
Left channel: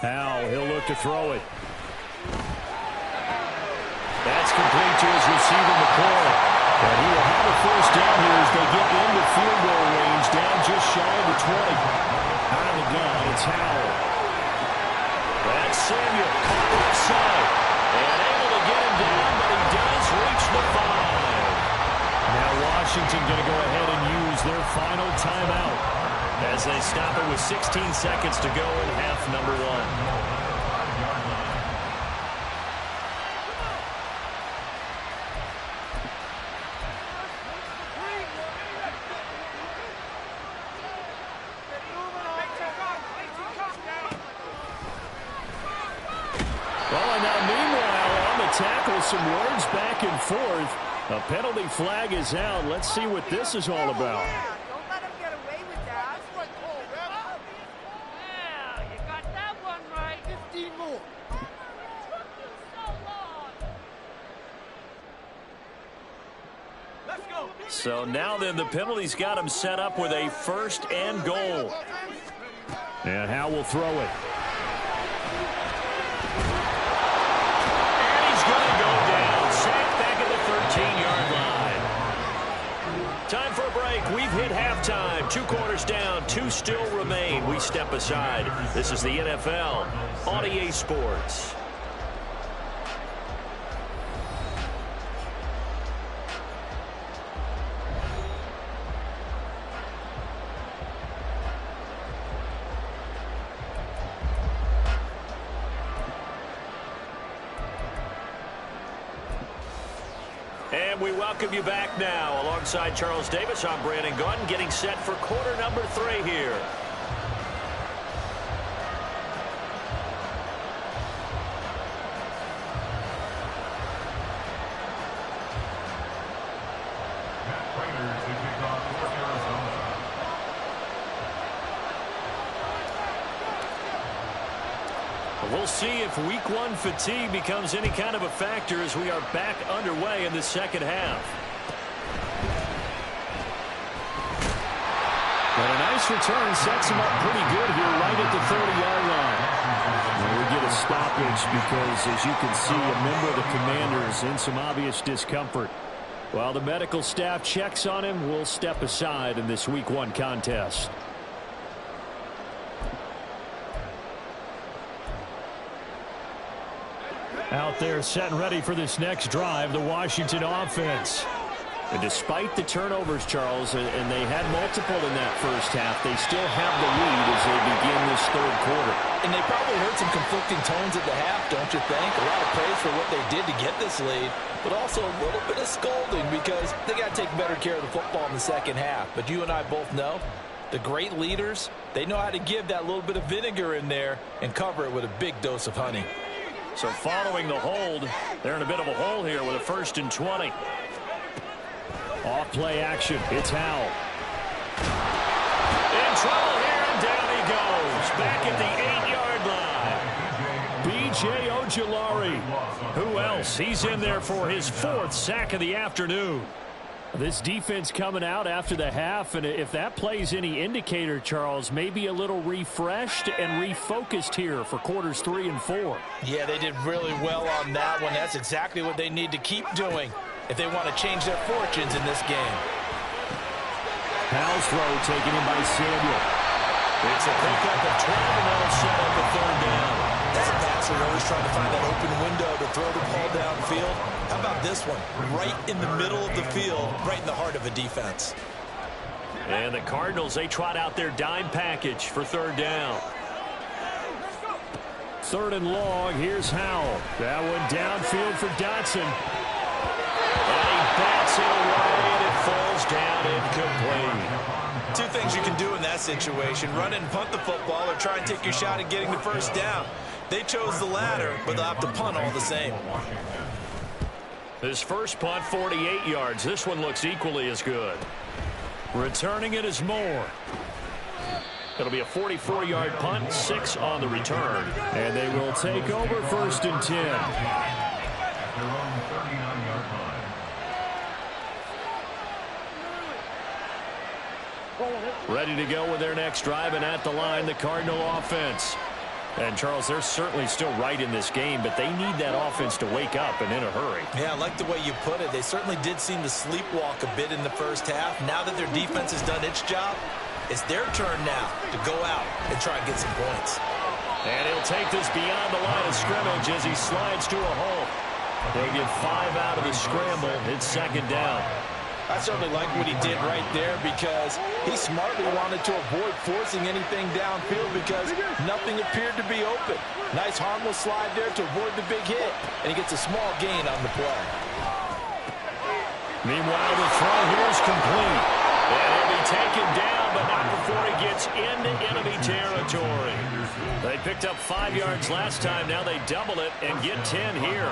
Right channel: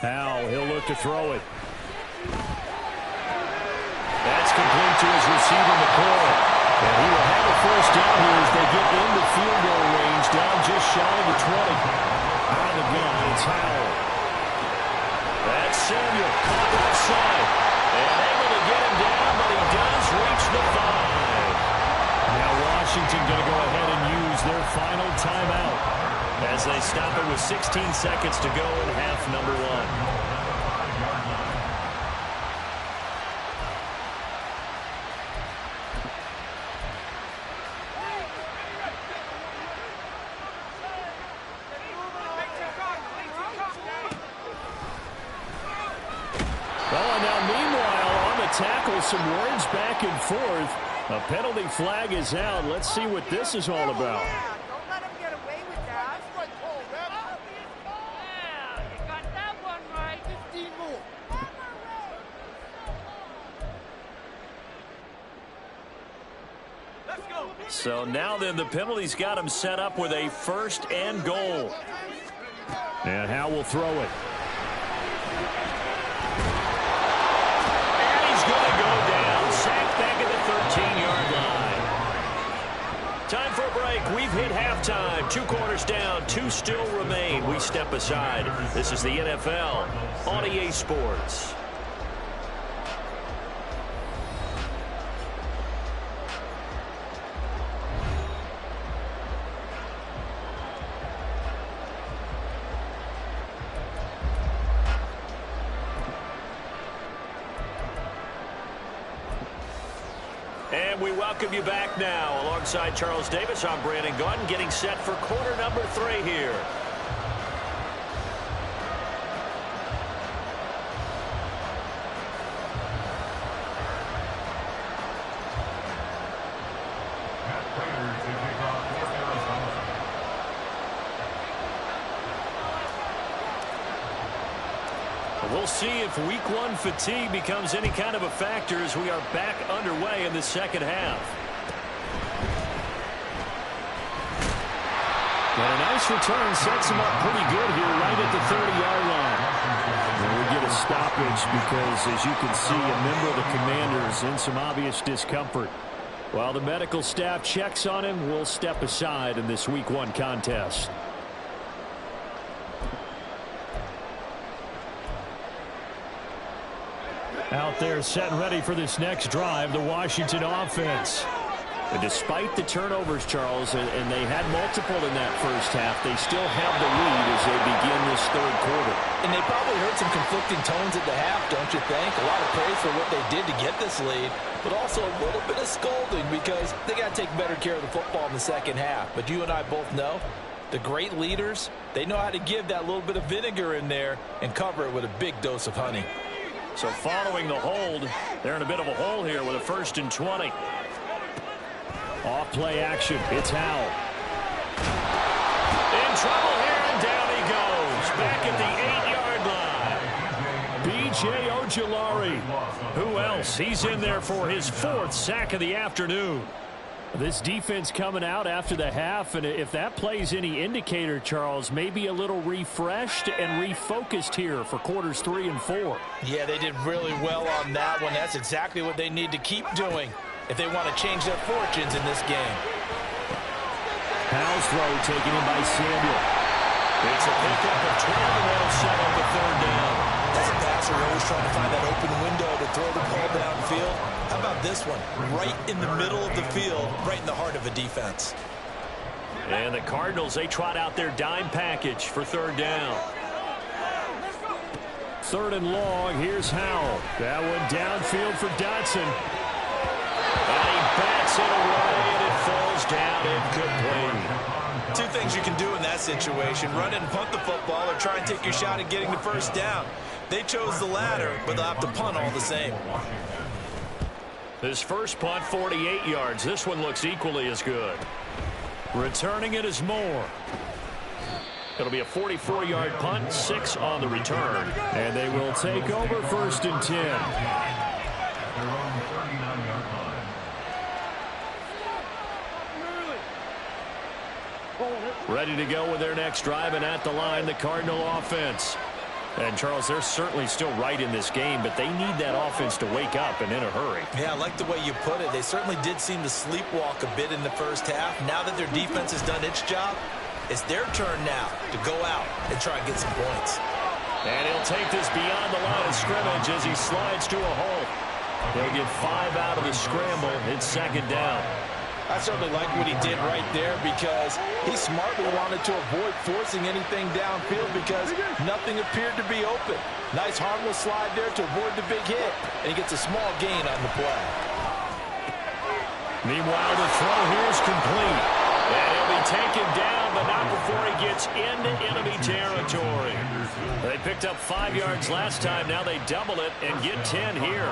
Howell, he'll look to throw it. That's complete to his receiver, McCoy. And he will have a first down here as they get into field goal range, down just shy of the 20. Out of the gun, it's Howell. That's Samuel, caught left side. And able to get him down, but he does reach the 5. Now Washington going to go ahead and use their final timeout as they stop it with 16 seconds to go in half number 1. Now, meanwhile, on the tackle, some words back and forth. A penalty flag is out. Let's see what this is all about. Yeah, don't let him get away with that. That's right call, Ref. Yeah, you got that one right. 15 more. Let's go. So now then, the penalty's got him set up with a 1st and goal. And Howell will throw it. Going to go down, sacked back at the 13-yard line. Time for a break. We've hit halftime. 2 quarters down, 2 still remain. We step aside. This is the NFL on EA Sports. And we welcome you back now. Alongside Charles Davis, I'm Brandon Gaudin, getting set for quarter number 3 here. Matt Prater to kick off for Arizona. We'll see if week 1 fatigue becomes any kind of a factor as we are back underway in the second half. But a nice return sets him up pretty good here right at the 30-yard line. And we get a stoppage because, as you can see, a member of the Commanders in some obvious discomfort. While the medical staff checks on him, we'll step aside in this week 1 contest. Out there set and ready for this next drive, the Washington offense. And despite the turnovers, Charles, and they had multiple in that first half, they still have the lead as they begin this 3rd quarter. And they probably heard some conflicting tones at the half, don't you think? A lot of praise for what they did to get this lead, but also a little bit of scolding because they got to take better care of the football in the second half. But you and I both know the great leaders, they know how to give that little bit of vinegar in there and cover it with a big dose of honey. So following the hold, they're in a bit of a hole here with a 1st and 20. Off play action. It's Howell. In trouble here, and down he goes. Back at the 8-yard line. B.J. Ojulari. Who else? He's in there for his 4th sack of the afternoon. This defense coming out after the half, and if that plays any indicator, Charles, maybe a little refreshed and refocused here for quarters 3 and 4. Yeah, they did really well on that one. That's exactly what they need to keep doing if they want to change their fortunes in this game. Howell's throw taken in by Samuel. It's a pickup of 12, and that'll set up a third down. As a passer, you're always trying to find that open window to throw the ball downfield. How about this one? Right in the middle of the field, right in the heart of a defense. And the Cardinals, they trot out their dime package for third down. Third and long, here's Howell. That one downfield for Dotson. And he bats it away, and it falls down incomplete. Two things you can do in that situation: run and punt the football, or try and take your shot at getting the first down. They chose the latter, but they'll have to punt all the same. His first punt, 48 yards. This one looks equally as good. Returning it is Moore. It'll be a 44-yard punt, 6 on the return. And they will take over first and 10. At their own 39-yard line. Ready to go with their next drive, and at the line, the Cardinal offense. And, Charles, they're certainly still right in this game, but they need that offense to wake up and in a hurry. Yeah, I like the way you put it. They certainly did seem to sleepwalk a bit in the first half. Now that their defense has done its job, it's their turn now to go out and try and get some points. And he'll take this beyond the line of scrimmage as he slides to a halt. He'll get 5 out of the scramble. It's second down. I certainly like what he did right there, because he smartly wanted to avoid forcing anything downfield because nothing appeared to be open. Nice harmless slide there to avoid the big hit, and he gets a small gain on the play. Meanwhile, the throw here is complete. And he'll be taken down, but not before he gets into enemy territory. They picked up 5 yards last time. Now they double it and get 10 here.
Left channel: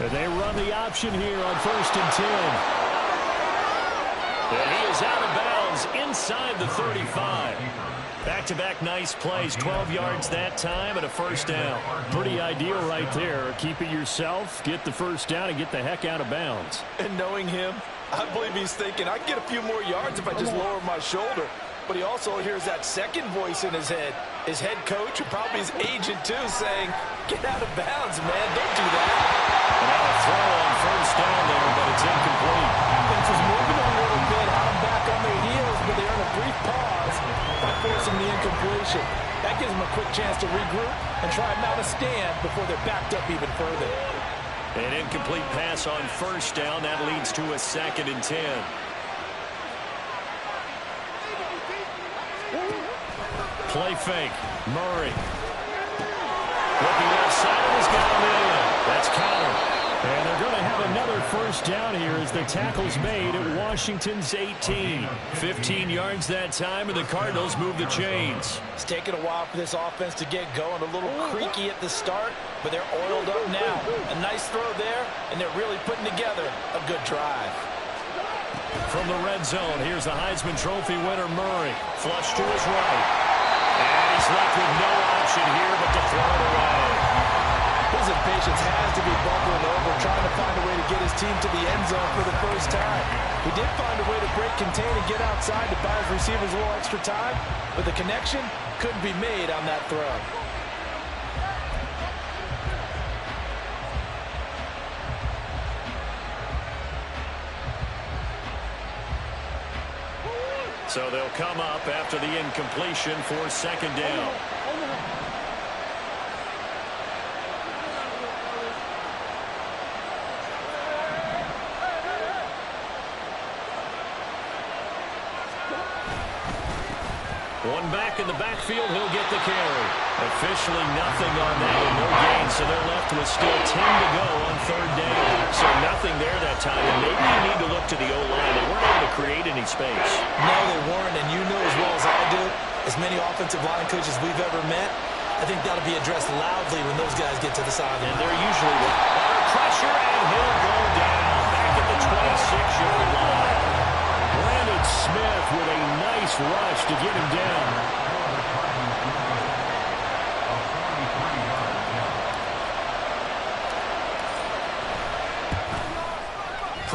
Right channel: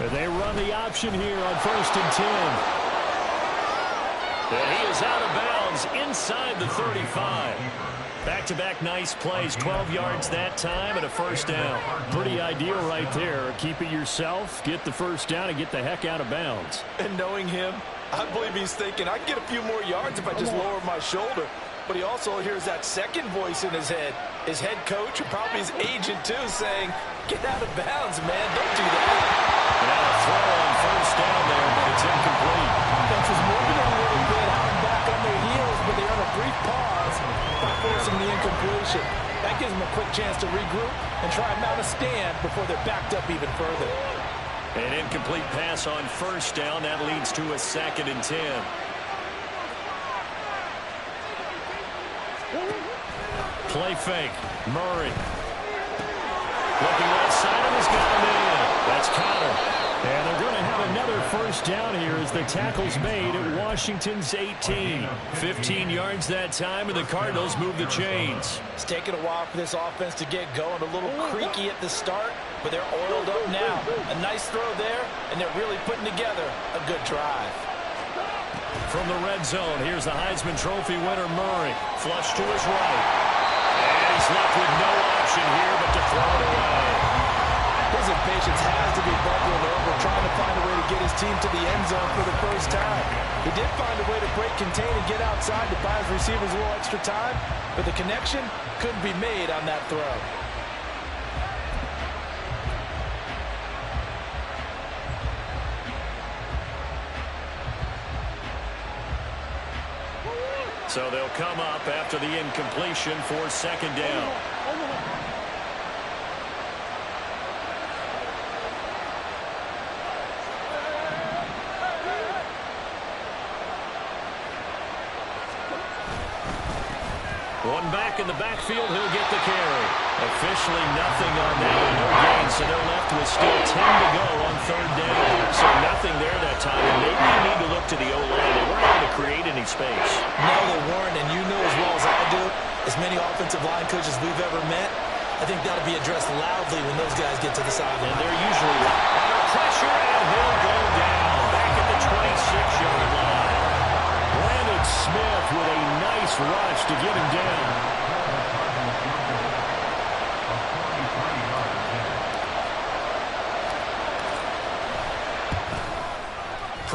And they run the option here on first and 10. And he is out of bounds inside the 35. Back-to-back nice plays, 12 yards that time and a first down. Pretty ideal right there. Keep it yourself, get the first down, and get the heck out of bounds. And knowing him, I believe he's thinking, I can get a few more yards if I just lower my shoulder. But he also hears that second voice in his head coach, and probably his agent too, saying, get out of bounds, man, don't do that. And now a throw on first down there, but it's incomplete. Offense is moving a little bit, had them back on their heels, but they earn a brief pause by forcing the incompletion. That gives them a quick chance to regroup and try and mount a stand before they're backed up even further. An incomplete pass on first down. That leads to a second and 10. Play fake. Murray. Looking outside him, he's got him in. That's Connor. And they're going to have another first down here as the tackle's made at Washington's 18. 15 yards that time, and the Cardinals move the chains. It's taken a while for this offense to get going. A little creaky at the start, but they're oiled up now. A nice throw there, and they're really putting together a good drive. From the red zone, here's the Heisman Trophy winner, Murray. Flush to his right. And he's left with no option here but to throw it away. His impatience has to be bubbling over, trying to find a way to get his team to the end zone for the first time. He did find a way to break, contain, and get outside to buy his receivers a little extra time, but the connection couldn't be made on that throw. So they'll come up after the incompletion for second down. One back in the backfield, he'll get the carry. Officially nothing on that, and no gain, so they're left with still 10 to go on third down. So nothing there that time, and maybe you need to look to the O-line. They weren't able to create any space. No, they weren't, and you know as well as I do, as many offensive line coaches we've ever met, I think that'll be addressed loudly when those guys get to the sideline. And they're usually under pressure, and he'll go down back at the 26-yard line. Brandon Smith with a nice rush to get him down.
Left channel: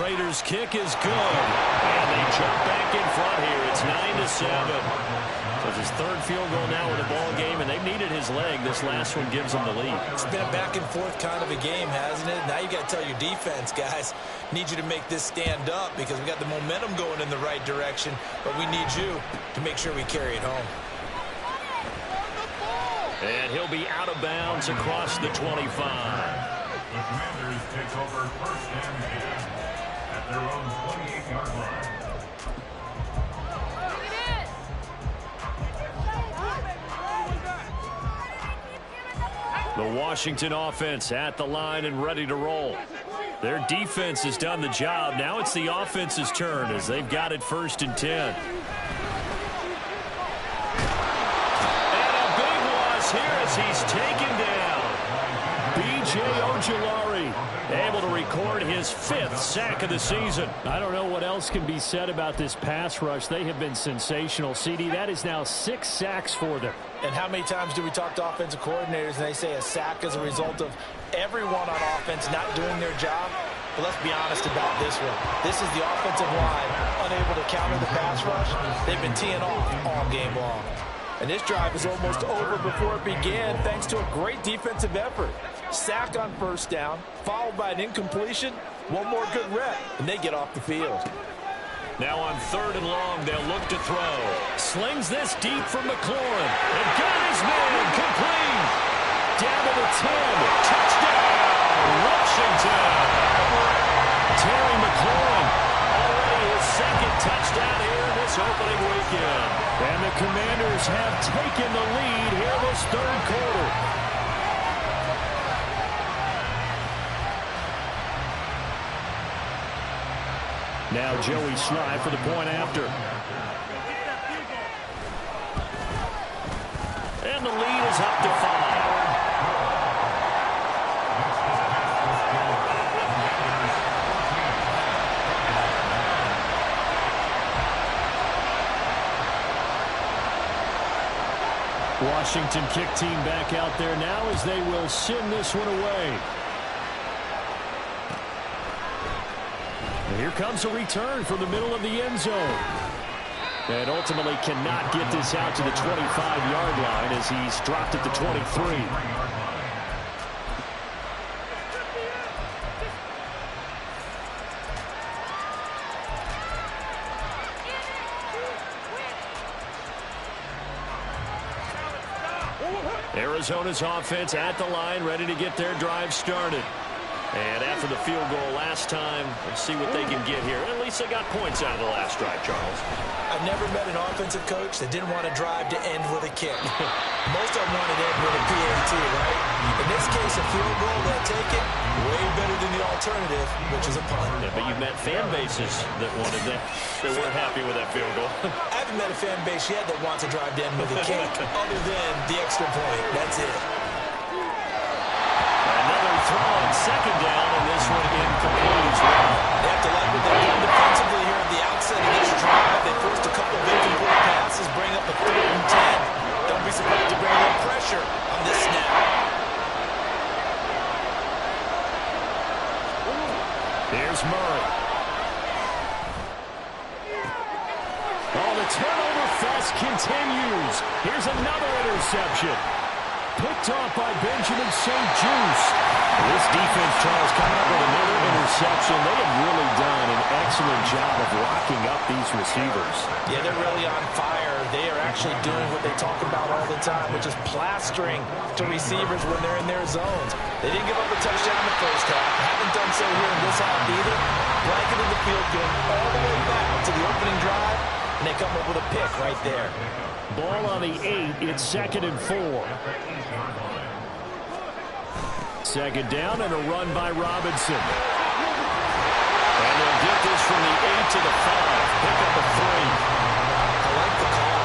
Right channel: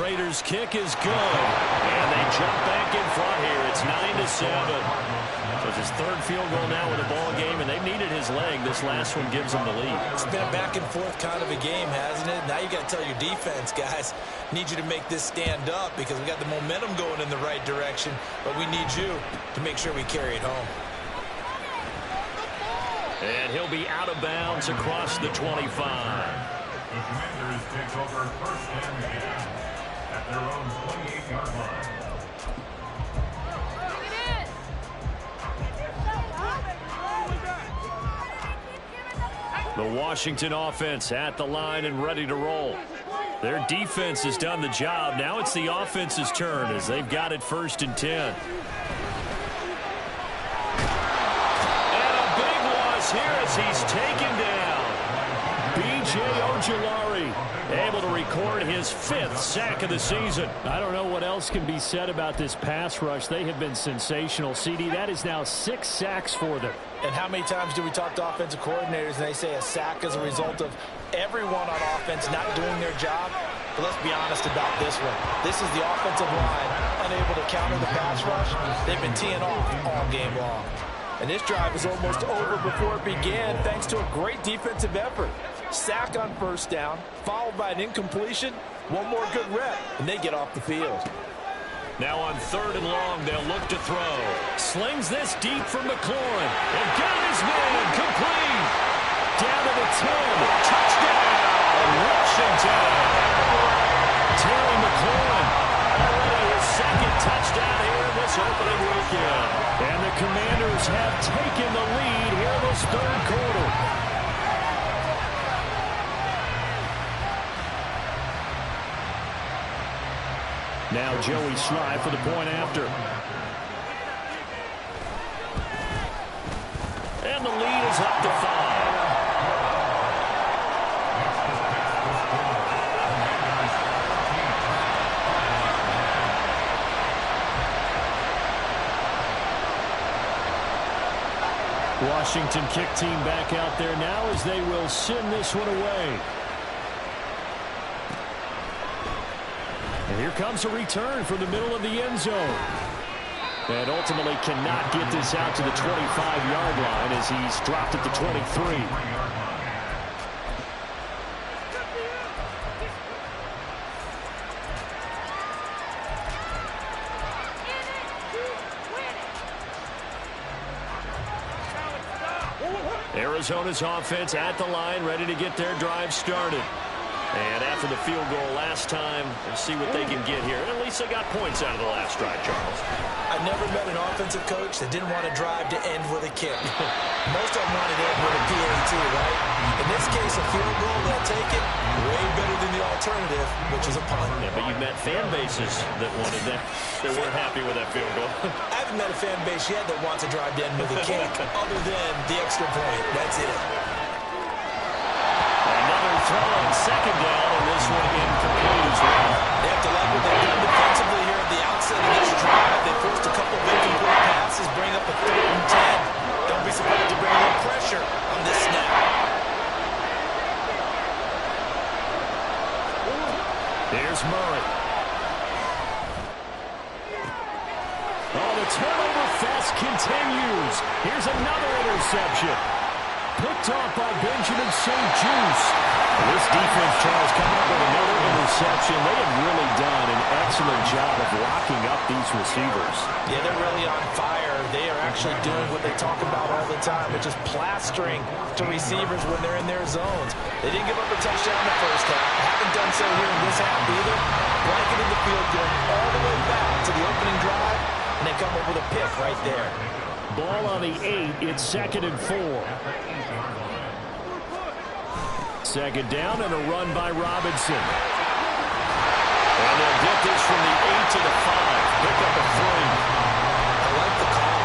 Prater's kick is good. And they jump back in front here. It's 9-7. So it's his third field goal now with the ball game, and they've needed his leg. This last one gives them the lead. It's been a back-and-forth kind of a game, hasn't it? Now you got to tell your defense, guys, need you to make this stand up because we got the momentum going in the right direction, but we need you to make sure we carry it home. And he'll be out of bounds across the 25. The Commanders take over first and 10 at their own 28-yard line. The Washington offense at the line and ready to roll. Their defense has done the job. Now it's the offense's turn as they've got it 1st and 10. And a big loss here as he's taken down. B.J. Ojulari able to record his 5th sack of the season. I don't know what else can be said about this pass rush. They have been sensational. CD, that is now 6 sacks for them. And how many times do we talk to offensive coordinators and they say a sack is a result of everyone on offense not doing their job? But let's be honest about this one. This is the offensive line unable to counter the pass rush. They've been teeing off all game long. And this drive is almost over before it began thanks to a great defensive effort. Sack on 1st down, followed by an incompletion. One more good rep, and they get off the field. Now on 3rd and long, they'll look to throw. Slings this deep from McLaurin. And got his man complete. Down to the 10. Touchdown, Washington. Terry McLaurin, already his 2nd touchdown here in this opening weekend. And the Commanders have taken the lead here this 3rd quarter. Now Joey Sly for the point after. And the lead is up to 5. Washington kick team back out there now as they will send this one away. And here comes a return from the middle of the end zone. And ultimately cannot get this out to the 25-yard line as he's dropped at the 23. Arizona's offense at the line, ready to get their drive started. And after the field goal last time, let's see what they can get here. At least they got points out of the last drive, Charles. I've never met an offensive coach that didn't want to drive to end with a kick. Most of them wanted to end with a PAT, right? In this case, a field goal, they'll take it. Way better than the alternative, which is a punt. Yeah, but you've met fan bases that wanted that. They weren't happy with that field goal. I haven't met a fan base yet that wants to drive to end with a kick, other than the extra point. That's it. Another throw on 2nd down, and this one incomplete as well. They have to like what they've done defensively here at the outset of this drive. They forced a couple of incomplete passes, bring up a 3rd and 10. Don't be surprised to bring a little pressure on this snap. Here's Murray. Oh, the turnover fest continues. Here's another interception. Picked off by Benjamin St. Juice. This defense, Charles, coming up with another interception. They have really done an excellent job of locking up these receivers. Yeah, they're really on fire. They are actually doing what they talk about all the time, which is plastering to receivers when they're in their zones. They didn't give up a touchdown in the 1st half. Haven't done so here in this half either. Blanketed the field going all the way back to the opening drive, and they come up with a pick right there. Ball on the 8. It's 2nd and 4. 2nd down and a run by Robinson. And they'll get this from the 8 to the 5. Pick up a 3. I like the call.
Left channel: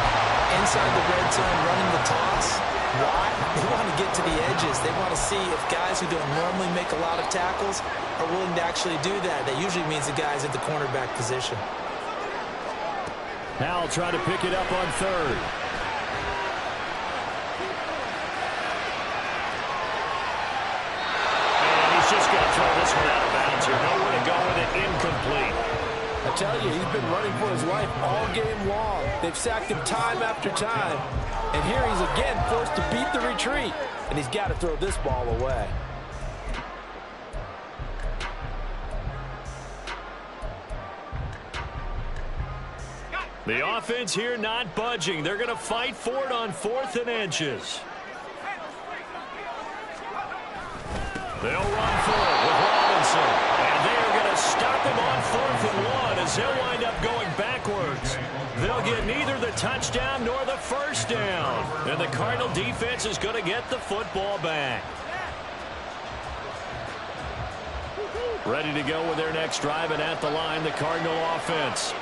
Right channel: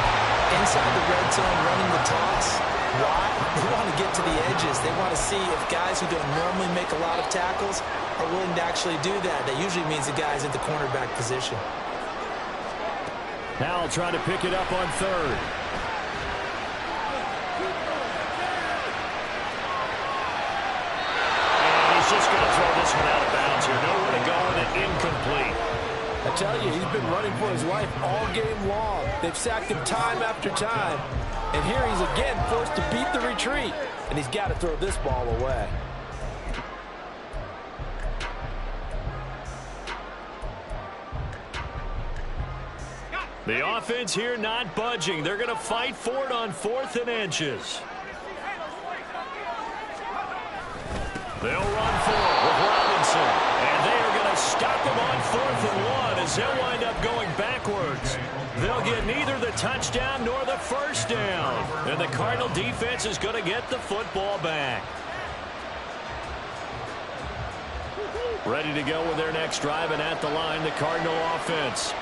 Inside the red zone, running the toss. Why? They want to get to the edges. They want to see if guys who don't normally make a lot of tackles are willing to actually do that. That usually means the guy's at the cornerback position. Howell trying to pick it up on 3rd. And he He's just going to throw this one out of bounds here. Nowhere to go with it. Incomplete. I tell you, he's been running for his life all game long. They've sacked him time after time. And here he's again forced to beat the retreat. And he's got to throw this ball away. The offense here not budging. They're going to fight for it on 4th and inches. They'll run for it with Robinson. And they are going to stop him on 4th and 1 as they'll wind up going backwards. They'll get neither the touchdown nor the first down. And the Cardinal defense is going to get the football back. Ready to go with their next drive, and at the line, the Cardinal offense.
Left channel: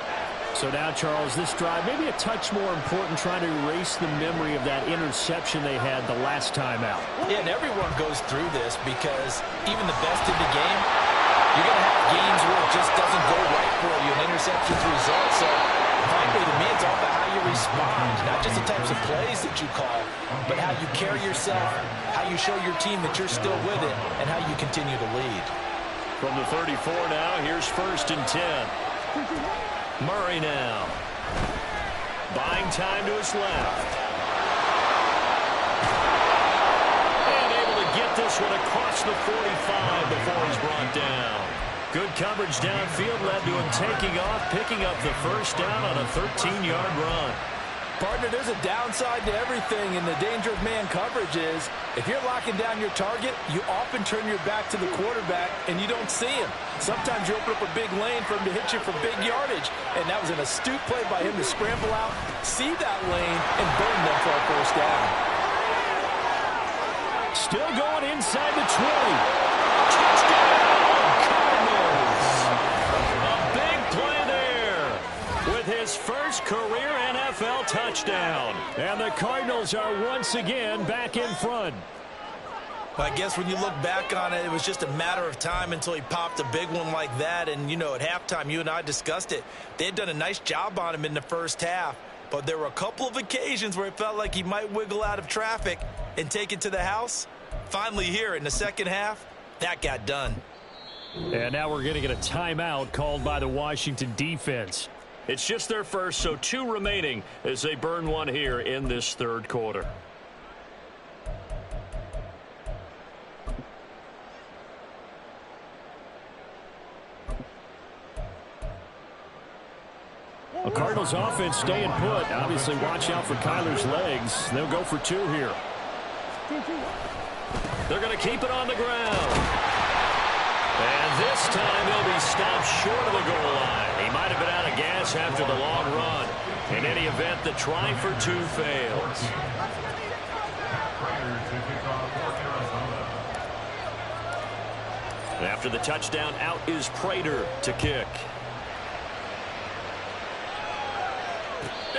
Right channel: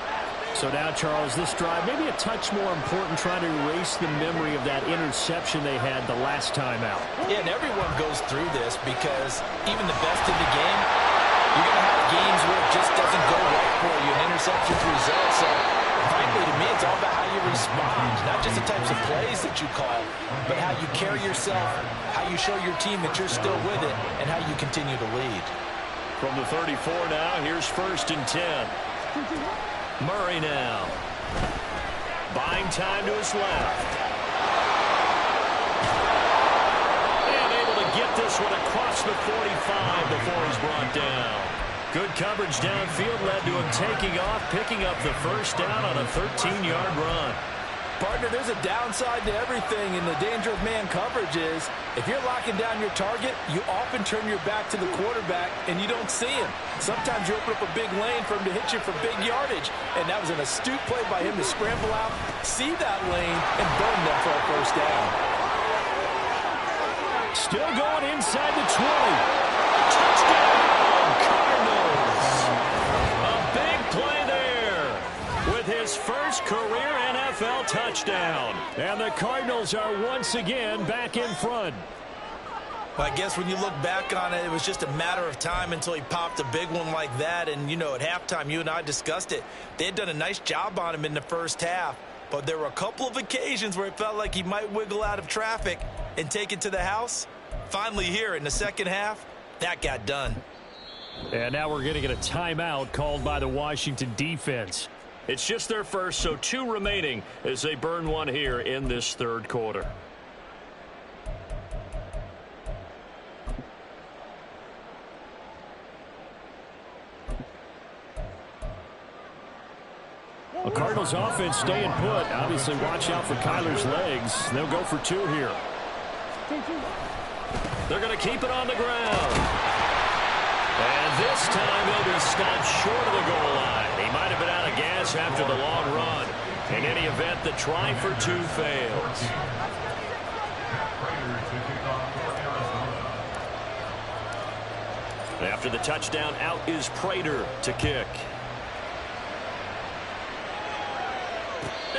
So now, Charles, this drive maybe a touch more important, trying to erase the memory of that interception they had the last time out. Yeah, and everyone goes through this because even the best in the game, you're going to have games where it just doesn't go right for you, and interceptions result. So, frankly, to me, it's all about how you respond, not just the types of plays that you call, but how you carry yourself, how you show your team that you're still with it, and how you continue to lead. From the 34 now, here's 1st and 10. Murray now. Buying time to his left. And able to get this one across the 45 before he's brought down. Good coverage downfield led to him taking off, picking up the first down on a 13-yard run. Partner, there's a downside to everything, and the danger of man coverage is if you're locking down your target, you often turn your back to the quarterback and you don't see him. Sometimes you open up a big lane for him to hit you for big yardage, and that was an astute play by him to scramble out, see that lane, and burn them for a first down. Still going inside the 20. Touchdown, Cardinals. A big play there with his first career NFL touchdown. And the Cardinals are once again back in front. Well, I guess when you look back on it, it was just a matter of time until he popped a big one like that. And, you know, at halftime, you and I discussed it. They had done a nice job on him in the first half. But there were a couple of occasions where it felt like he might wiggle out of traffic and take it to the house. Finally here in the second half, that got done. And now we're going to get a timeout called by the Washington defense. It's just their first, so 2 remaining as they burn one here in this third quarter. The Cardinals offense staying put. Obviously, watch out for Kyler's legs. They'll go for 2 here. They're going to keep it on the ground. And this time he'll be stopped short of the goal line. He might have been out of gas after the long run. In any event, the try for 2 fails. After the touchdown, out is Prater to kick.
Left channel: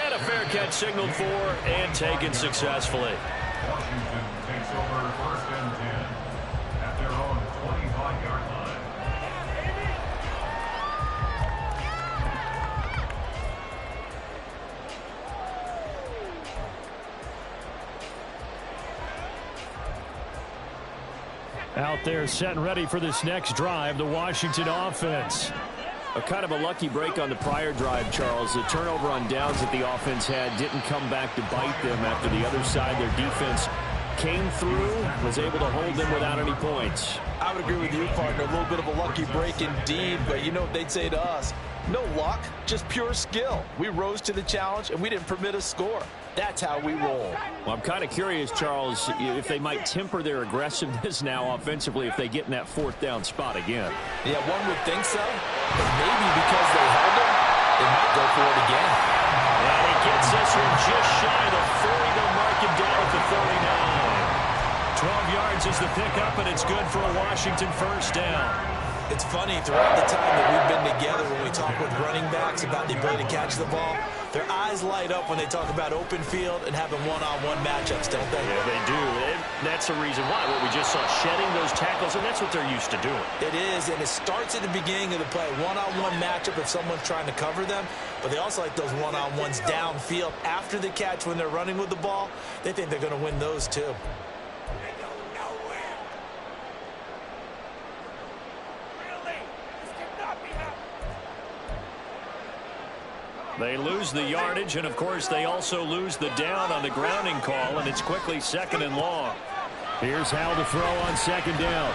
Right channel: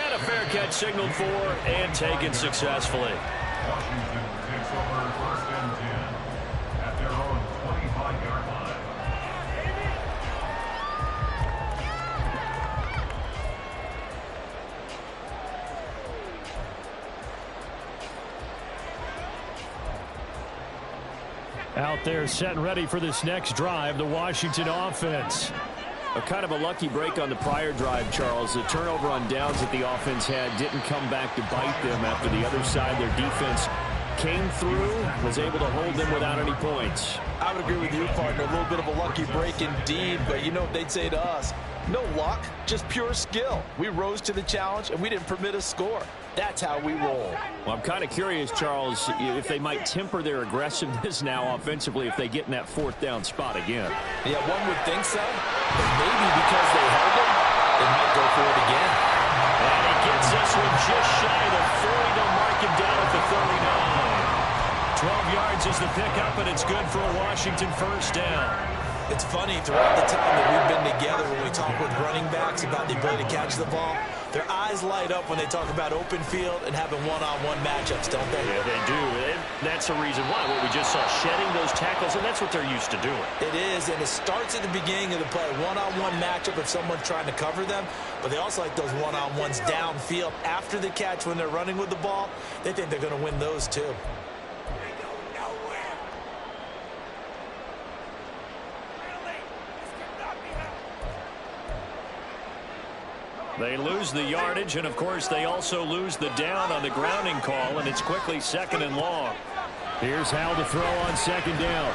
And a fair catch signaled for and taken successfully. Washington takes over 1st and 10 at their own 25-yard line. Out there set and ready for this next drive, the Washington offense. A kind of a lucky break on the prior drive, Charles. The turnover on downs that the offense had didn't come back to bite them after the other side. Their defense came through, was able to hold them without any points. I would agree with you, partner. A little bit of a lucky break indeed, but you know what they'd say to us? No luck, just pure skill. We rose to the challenge, and we didn't permit a score. That's how we roll. Well, I'm kind of curious, Charles, if they might temper their aggressiveness now offensively if they get in that 4th down spot again. Yeah, one would think so. But maybe because they held him, they might go for it again. And he gets this one just shy of the 40. They'll mark him down at the 39. 12 yards is the pickup, and it's good for a Washington first down. It's funny, throughout the time that we've been together, when we talk with running backs about the ability to catch the ball, their eyes light up when they talk about open field and having one-on-one matchups, don't they? Yeah, they do. And that's the reason why. What we just saw, shedding those tackles, and that's what they're used to doing. It is, and it starts at the beginning of the play. One-on-one matchup if someone's trying to cover them, but they also like those one-on-ones downfield after the catch when they're running with the ball. They think they're going to win those, too. They lose the yardage, and, of course, they also lose the down on the grounding call, and it's quickly 2nd and long. Here's how to throw on 2nd down.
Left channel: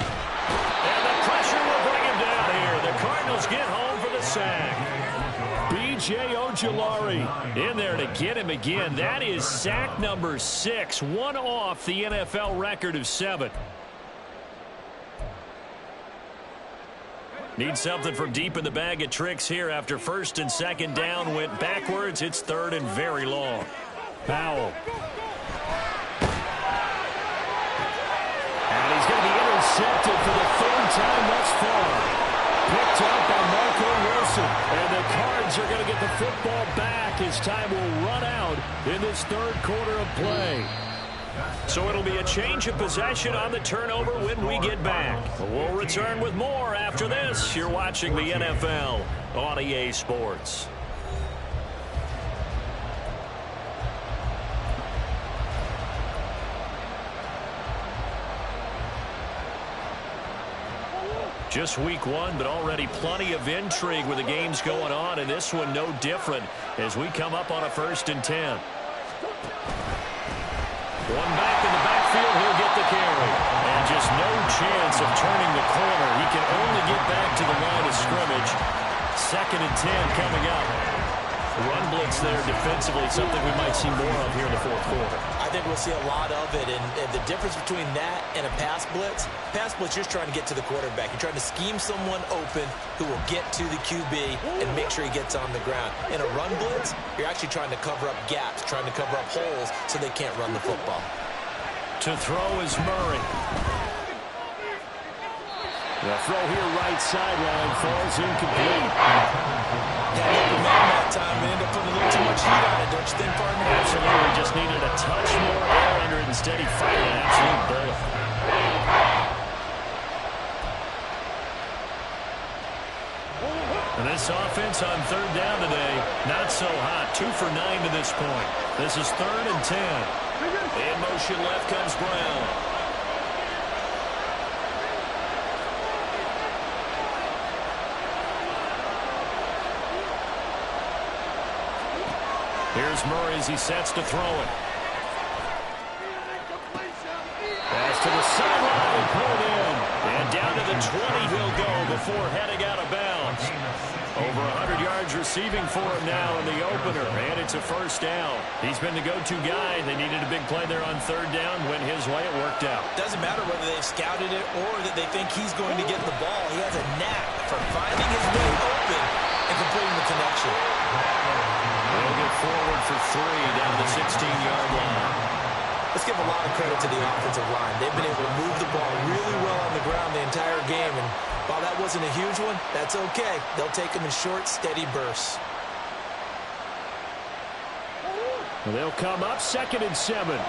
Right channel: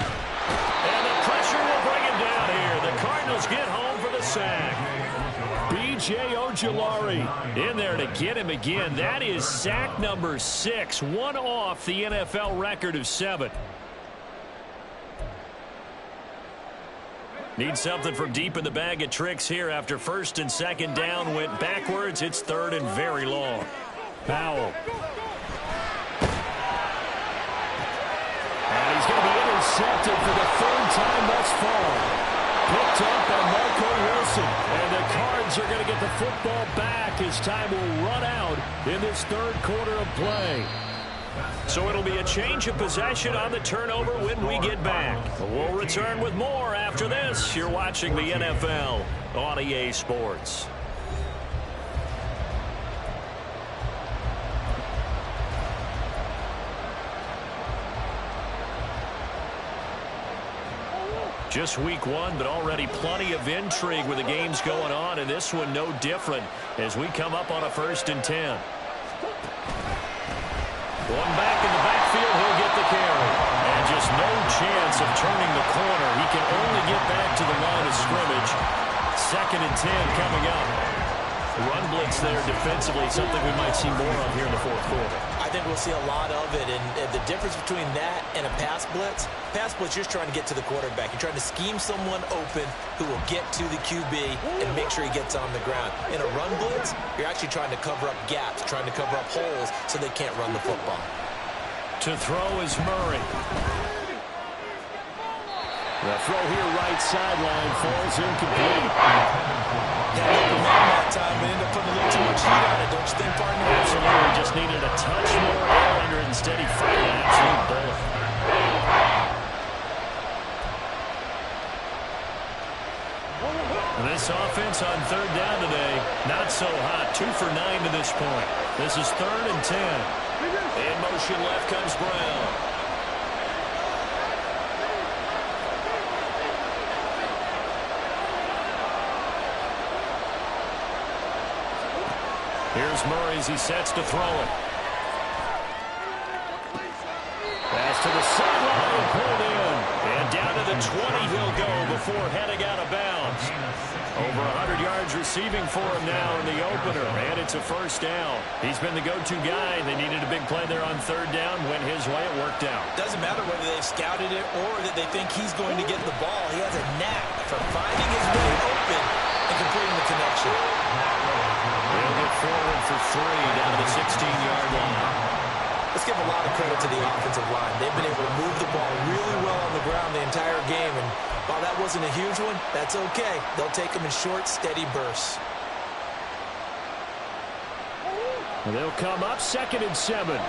And the pressure will bring him down here. The Cardinals get home for the sack. B.J. Ojulari in there to get him again. That is sack number 6, one off the NFL record of 7. Need something from deep in the bag of tricks here after 1st and 2nd down went backwards. It's 3rd and very long. Powell. And he's going to be intercepted for the 3rd time thus far. Picked up by Marco Wilson. And the Cards are going to get the football back as time will run out in this 3rd quarter of play. So it'll be a change of possession on the turnover when we get back. We'll return with more after this. You're watching the NFL on EA Sports. Just week 1, but already plenty of intrigue with the games going on, and this one no different as we come up on a 1st and 10. One back in the backfield, he'll get the carry. And just no chance of turning the corner. He can only get back to the line of scrimmage. 2nd and 10 coming up. Run blitz there defensively, something we might see more of here in the 4th quarter. I think we'll see a lot of it, and the difference between that and a pass blitz, you're just trying to get to the quarterback. You're trying to scheme someone open who will get to the QB and make sure he gets on the ground. In a run blitz, you're actually trying to cover up gaps, trying to cover up holes so they can't run the football. To throw is Murray. The throw here right sideline falls incomplete. Yeah, open man that time and ended up putting a little too much heat on it, don't you think, partner? Absolutely, just needed a touch more air under it. Instead, he fired an absolute bullet. And this offense on 3rd down today, not so hot. 2 for 9 to this point. This is 3rd and 10. In motion left comes Brown. Here's Murray as he sets to throw it. Pass to the sideline and pulled in. And down to the 20 he'll go before heading out of bounds. Over 100 yards receiving for him now in the opener. And it's a 1st down. He's been the go-to guy. They needed a big play there on 3rd down. Went his way. It worked out. Doesn't matter whether they've scouted it or that they think he's going to get the ball. He has a knack for finding his way open and completing the connection. They'll get forward for 3 down to the 16-yard line. Let's give a lot of credit to the offensive line. They've been able to move the ball really well on the ground the entire game, and while that wasn't a huge one, that's okay. They'll take them in short, steady bursts. Well, they'll come up 2nd and 7.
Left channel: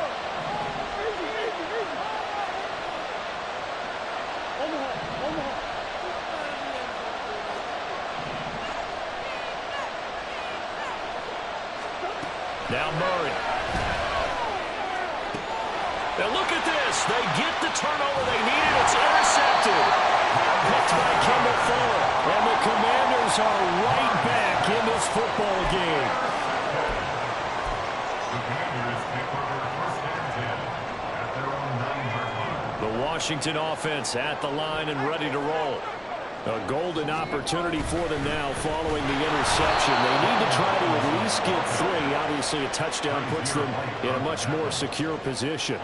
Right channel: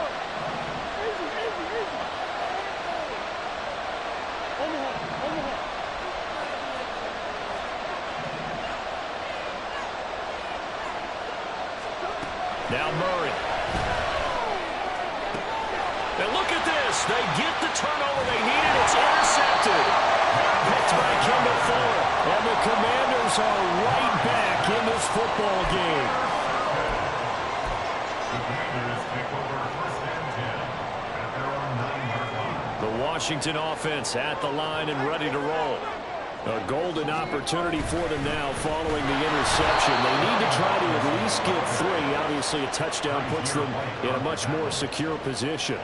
Now Murray. And look at this. They get the turnover they needed. It's intercepted. Picked by Kendall Fuller. And the Commanders are right back in this football game. The Commanders take over 1st and 10 at their own 9-yard line. The Washington offense at the line and ready to roll. A golden opportunity for them now following the interception. They need to try to at least get 3. Obviously, a touchdown puts them in a much more secure position.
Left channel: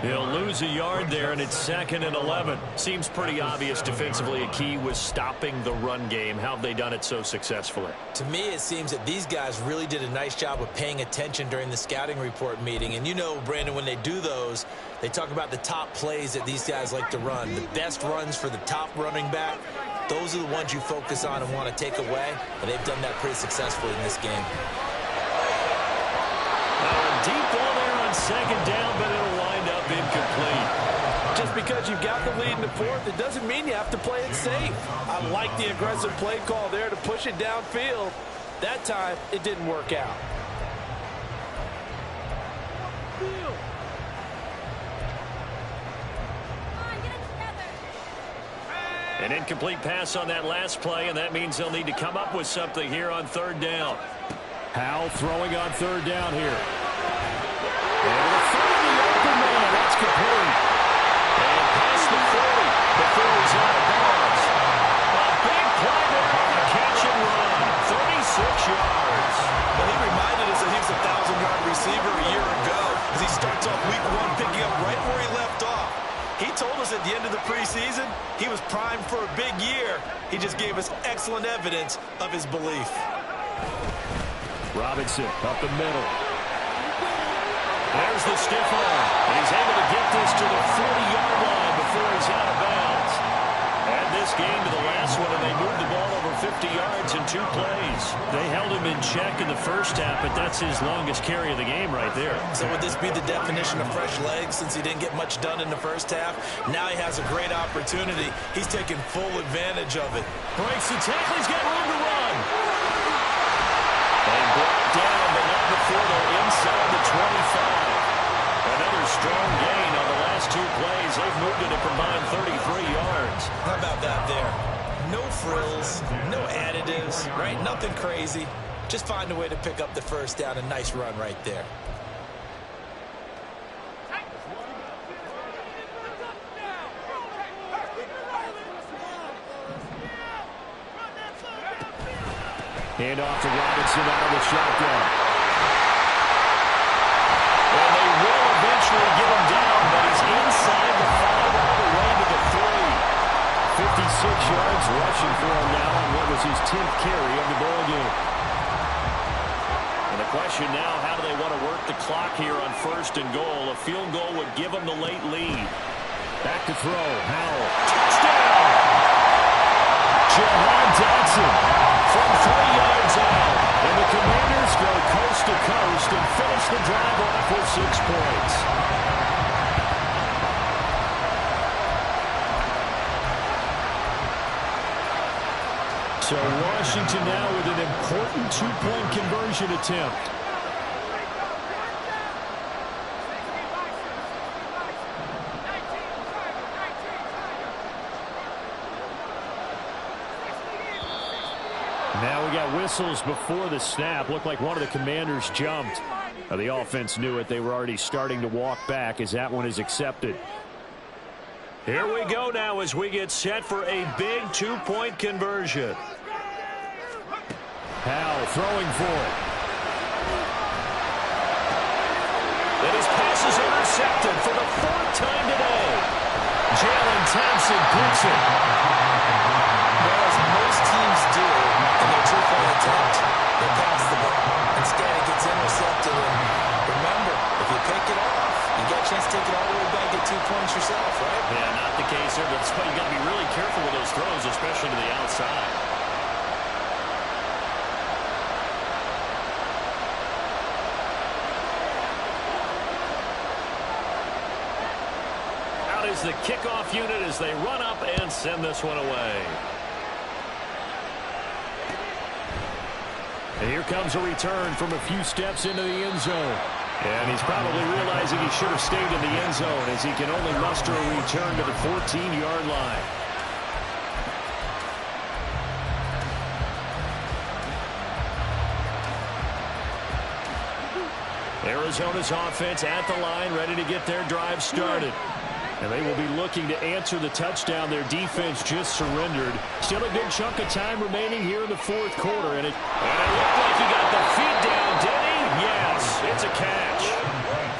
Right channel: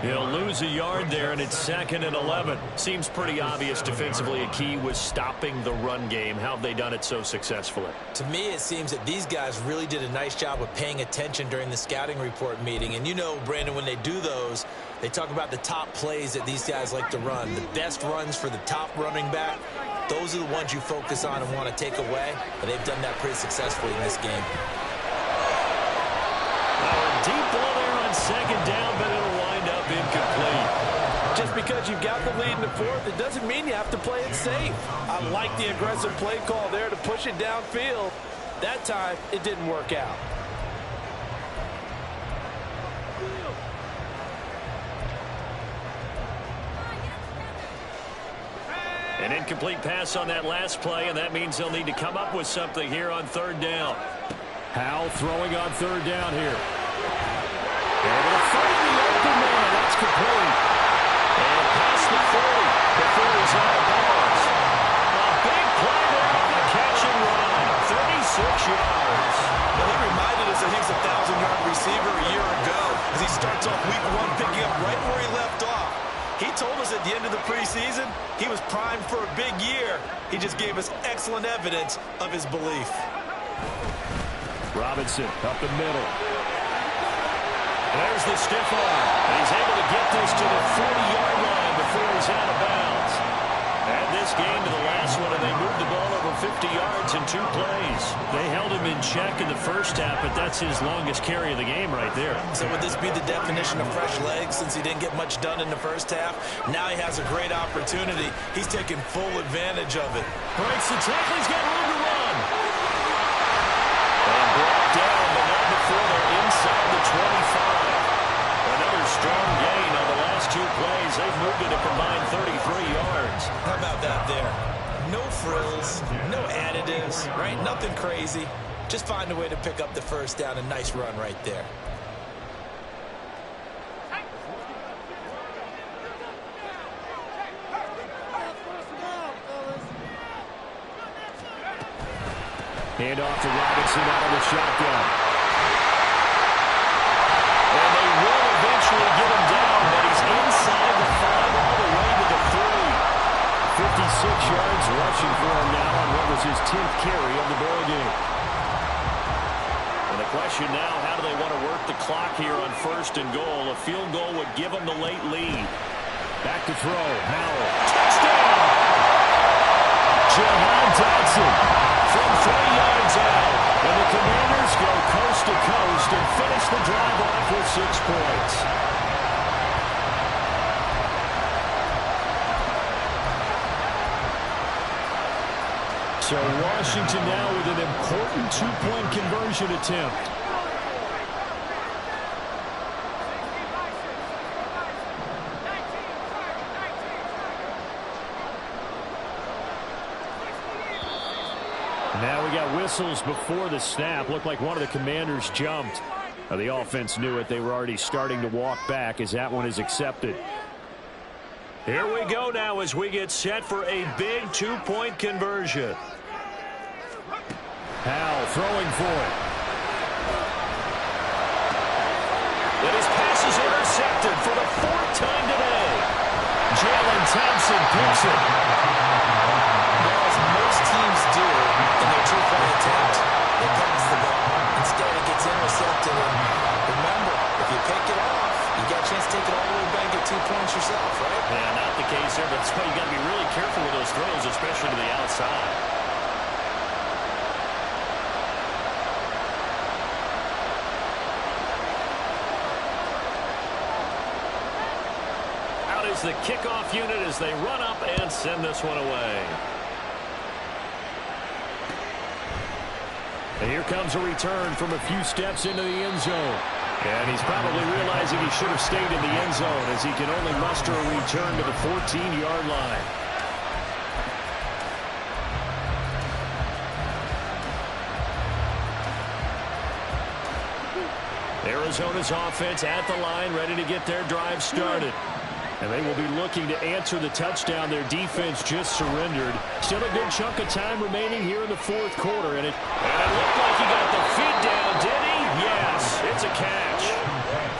He'll lose a yard there, and it's 2nd and 11. Seems pretty obvious defensively a key was stopping the run game. How have they done it so successfully? To me, it seems that these guys really did a nice job of paying attention during the scouting report meeting. And you know, Brandon, when they do those, they talk about the top plays that these guys like to run. The best runs for the top running back. Those are the ones you focus on and want to take away, and they've done that pretty successfully in this game. A deep ball there on 2nd down, but it'll wind up incomplete. Just because you've got the lead in the 4th, it doesn't mean you have to play it safe. I like the aggressive play call there to push it downfield. That time, it didn't work out. An incomplete pass on that last play, and that means they'll need to come up with something here on third down. Howell throwing on third down here. Able to find the open man. That's complete. And past the 40 before he's out of bounds. A big play there on the catch and run. 36 yards. Well, he reminded us that he was a 1,000-yard receiver a year ago as he starts off week 1 picking up right where he left off. He told us at the end of the preseason he was primed for a big year. He just gave us excellent evidence of his belief. Robinson up the middle. There's the stiff arm, and he's able to get this to the 40-yard line before he's out of bounds. Add this game to the last one, and they moved the ball over 50 yards in 2 plays. They held him in check in the first half, but that's his longest carry of the game right there. So would this be the definition of fresh legs since he didn't get much done in the first half? Now he has a great opportunity. He's taking full advantage of it. Breaks the tackle. He's got room to run. And brought down, but not before they're inside the 25. Another strong gain on the last 2 plays. They've moved it a combined 33 yards. How about that there? No frills, no additives, right? Nothing crazy. Just find a way to pick up the first down. A nice run right there. Hand off to Robinson out of the shotgun. And they will eventually get him down, but he's inside the 5 all the way to the 3. 56 yards rushing for him now on what was his 10th carry of the ball game. And the question now, how do they want to work the clock here on 1st and goal? A field goal would give them the late lead. Back to throw. Howell. Touchdown! Jahan Dotson from 3 yards out. And the Commanders go coast to coast and finish the drive off with 6 points. So Washington now with an important 2-point conversion attempt. Now we got whistles before the snap. Looked like one of the Commanders jumped. The offense knew it. They were already starting to walk back as that one is accepted. Here we go now as we get set for a big 2-point conversion. Howell throwing for it. And his pass is intercepted for the 4th time today. Jalen Thompson picks it. Well, as most teams do in their 2-point attempt, they pass the ball. Instead, it gets intercepted. And remember, if you pick it off, you got a chance to take it all the way back, get 2 points yourself, right? Yeah, not the case there, but that's why you got to be really careful with those throws, especially to the outside. Out is the kickoff unit as they run up and send this one away. And here comes a return from a few steps into the end zone. And he's probably realizing he should have stayed in the end zone as he can only muster a return to the 14-yard line. Arizona's offense at the line, ready to get their drive started. And they will be looking to answer the touchdown their defense just surrendered. Still a good chunk of time remaining here in the 4th quarter. And it looked like he got the feet down, did he? Yes, it's a catch.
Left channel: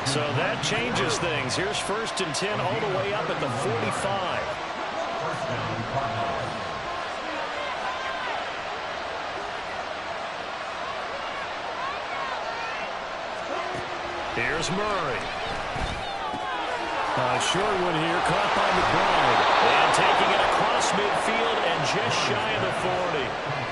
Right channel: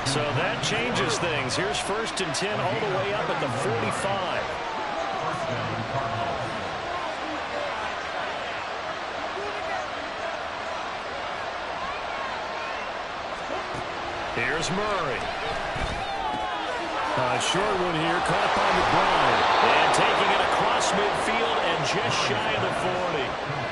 So that changes things. Here's 1st and 10 all the way up at the 45. Here's Murray. A short one here, caught by McBride. And taking it across midfield and just shy of the 40.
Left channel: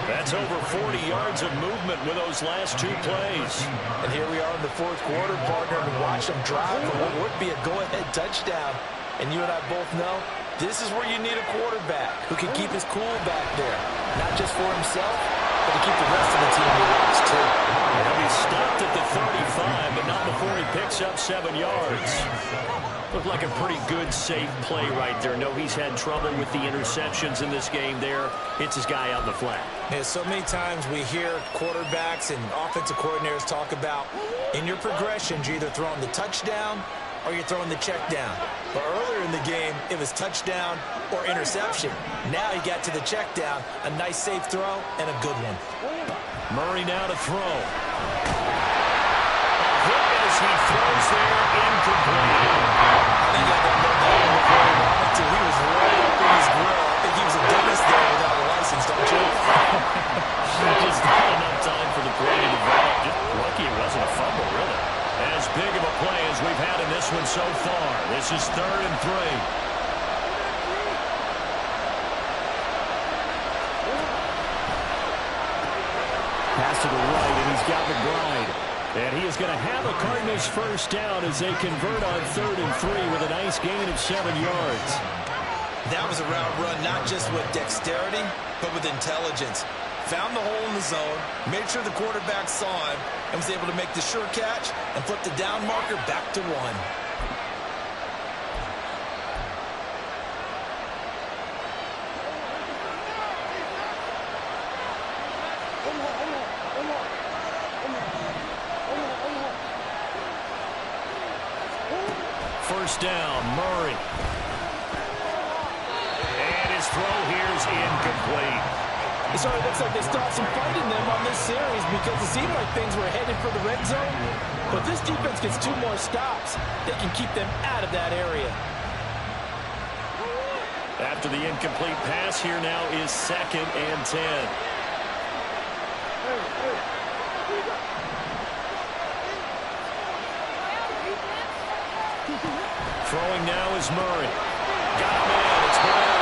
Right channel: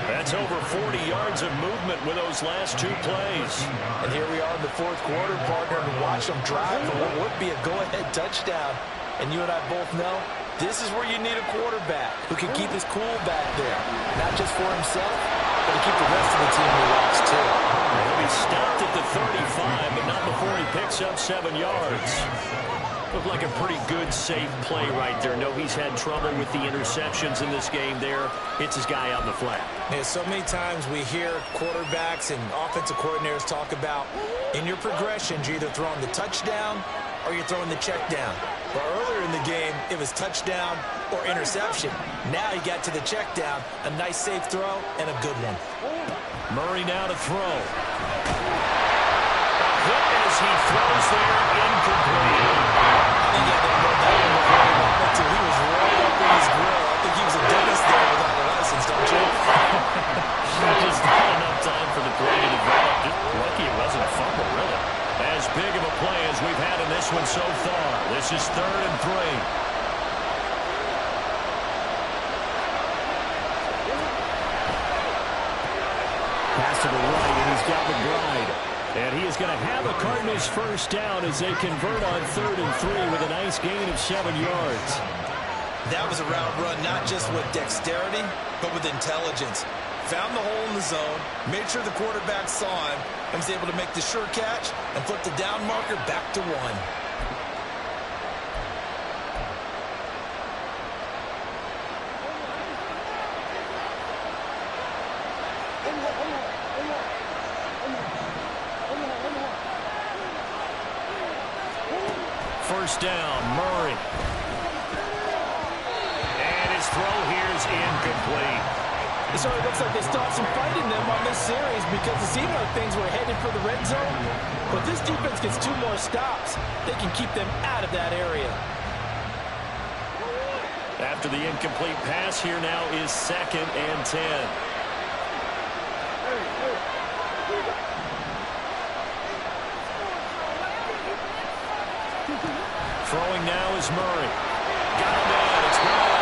That's over 40 yards of movement with those last 2 plays. And here we are in the 4th quarter, partner, and watch them drive for what would be a go-ahead touchdown. And you and I both know this is where you need a quarterback who can keep his cool back there. Not just for himself, but to keep the rest of the team relaxed too. He'll be stopped at the 35, but not before he picks up 7 yards. Looked like a pretty good, safe play right there. No, he's had trouble with the interceptions in this game there. Hits his guy out in the flat. Yeah, so many times we hear quarterbacks and offensive coordinators talk about in your progressions, you're either throwing the touchdown or you're throwing the check down. But earlier in the game, it was touchdown or interception. Now he got to the check down, a nice safe throw, and a good one. Murray now to throw. A hit as he throws there, incomplete. I think he had to unload that one before he wanted to. He was right up in his grill. I think he was a dentist there without a license, don't you? Just not enough time for the play to develop. Just lucky it wasn't a fumble, really. As big of a play as we've had in this one so far. This is 3rd and 3. Pass to the right, and he's got McBride. And he is going to have a Cardinals first down as they convert on 3rd and 3 with a nice gain of 7 yards. That was a route run, not just with dexterity, but with intelligence. Found the hole in the zone, made sure the quarterback saw him, and was able to make the sure catch and flip the down marker back to 1. First down, Murray. And his throw here is incomplete. It certainly looks like they stopped some fight in them on this series because it seemed like things were headed for the red zone. But this defense gets 2 more stops. They can keep them out of that area. After the incomplete pass, here now is 2nd and 10. Throwing now is Murray. Got him in. It's Brown.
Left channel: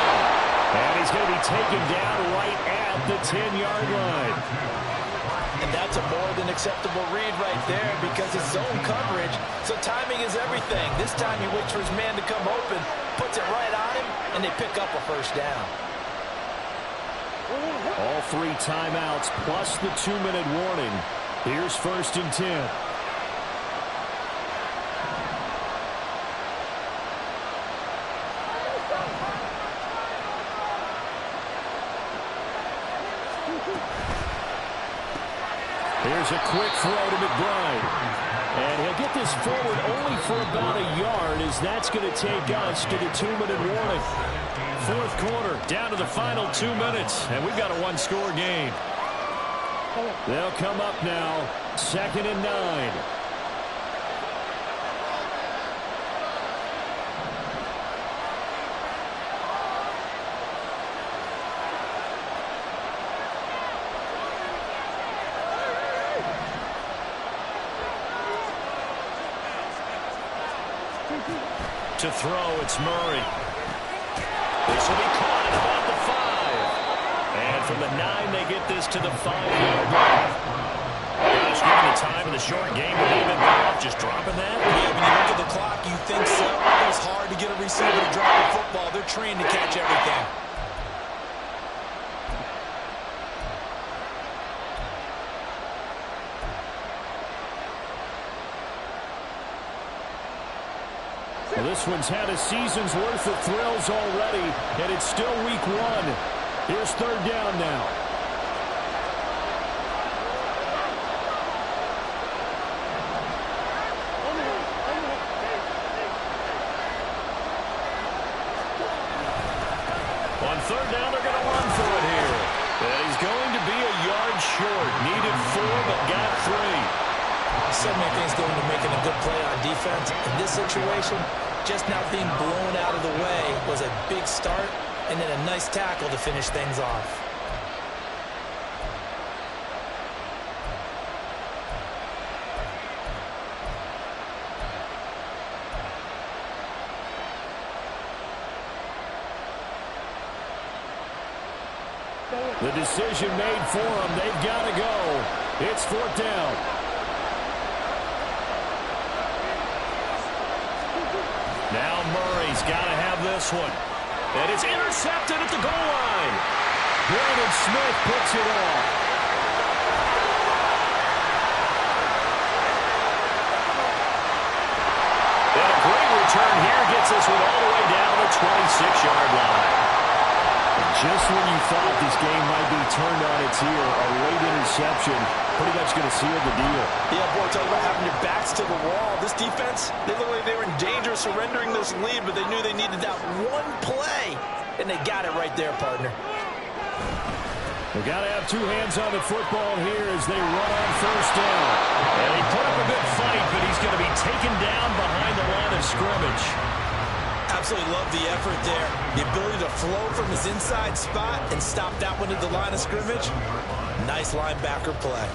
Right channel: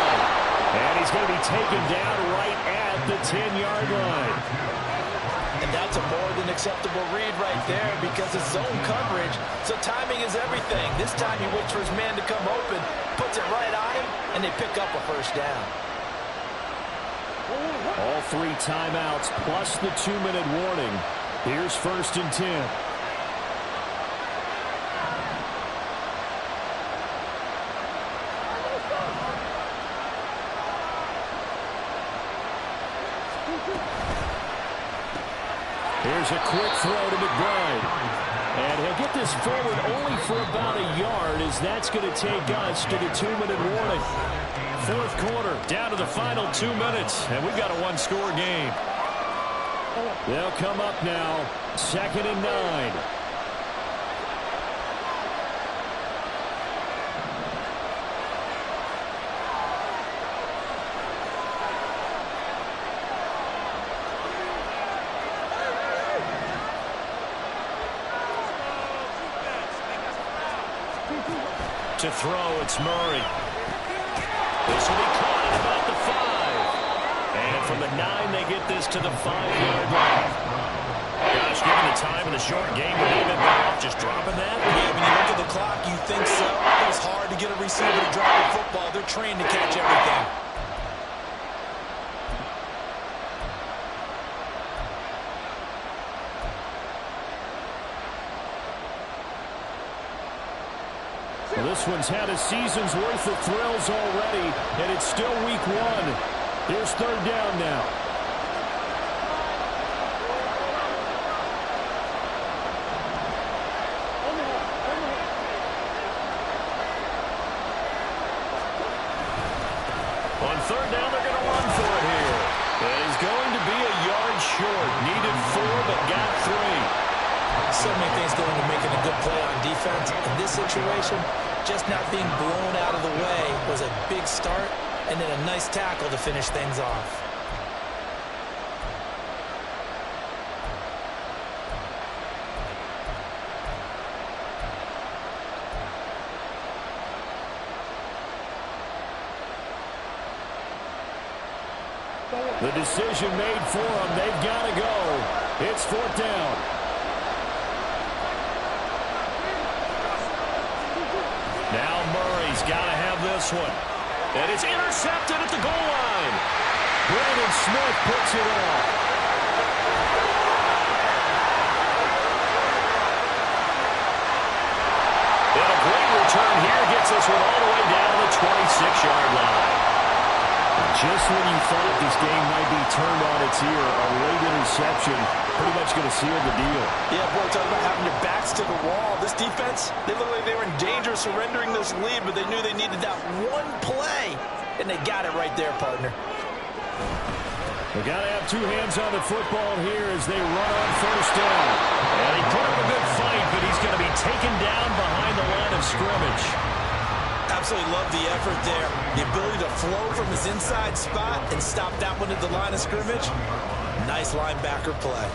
And he's going to be taken down right at the 10-yard line. And that's a more than acceptable read right there because it's zone coverage, so timing is everything. This time he waits for his man to come open, puts it right on him, and they pick up a first down. All 3 timeouts plus the 2-minute warning. Here's 1st and 10. Here's a quick throw to McBride. And he'll get this forward only for about a yard as that's going to take us to the 2-minute warning. 4th quarter, down to the final 2 minutes, and we've got a 1-score game. They'll come up now, 2nd and 9. To throw, it's Murray. This will be caught at about the 5. And from the 9, they get this to the 5-yard line. Gosh, given the time of the short game, would they have been better off just dropping that? Yeah, when you look at the clock, you think so. It was hard to get a receiver to drop the football. They're trained to catch everything. Well, this one's had a season's worth of thrills already, and it's still week 1. Here's 3rd down now. On 3rd down, they're going to run for it here. And he's going to be a yard short. Needed 4, but got 3. So many things go into making a good play on defense. In this situation, just not being blown out of the way was a big start, and then a nice tackle to finish things off. The decision made for them. They've got to go. It's 4th down. Now Murray's got to have this one. And it's intercepted at the goal line. Brandon Smith puts it off. return here gets this one all the way down to the 26-yard line. Just when you thought this game might be turned on its ear, a late interception pretty much going to seal the deal. Yeah, boy, talk about having your backs to the wall. This defense, they looked like they were in danger of surrendering this lead, but they knew they needed that one play, and they got it right there, partner. They got to have two hands on the football here as they run on first down. And he put up a good fight, but he's going to be taken down behind the line of scrimmage. Absolutely love the effort there. The ability to flow from his inside spot and stop that one at the line of scrimmage. Nice linebacker play.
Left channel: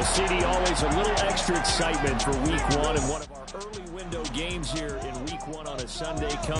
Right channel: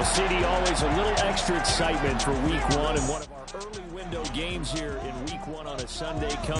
Well, CD, always a little extra excitement for Week 1 and one of our early window games here in Week 1 on a Sunday.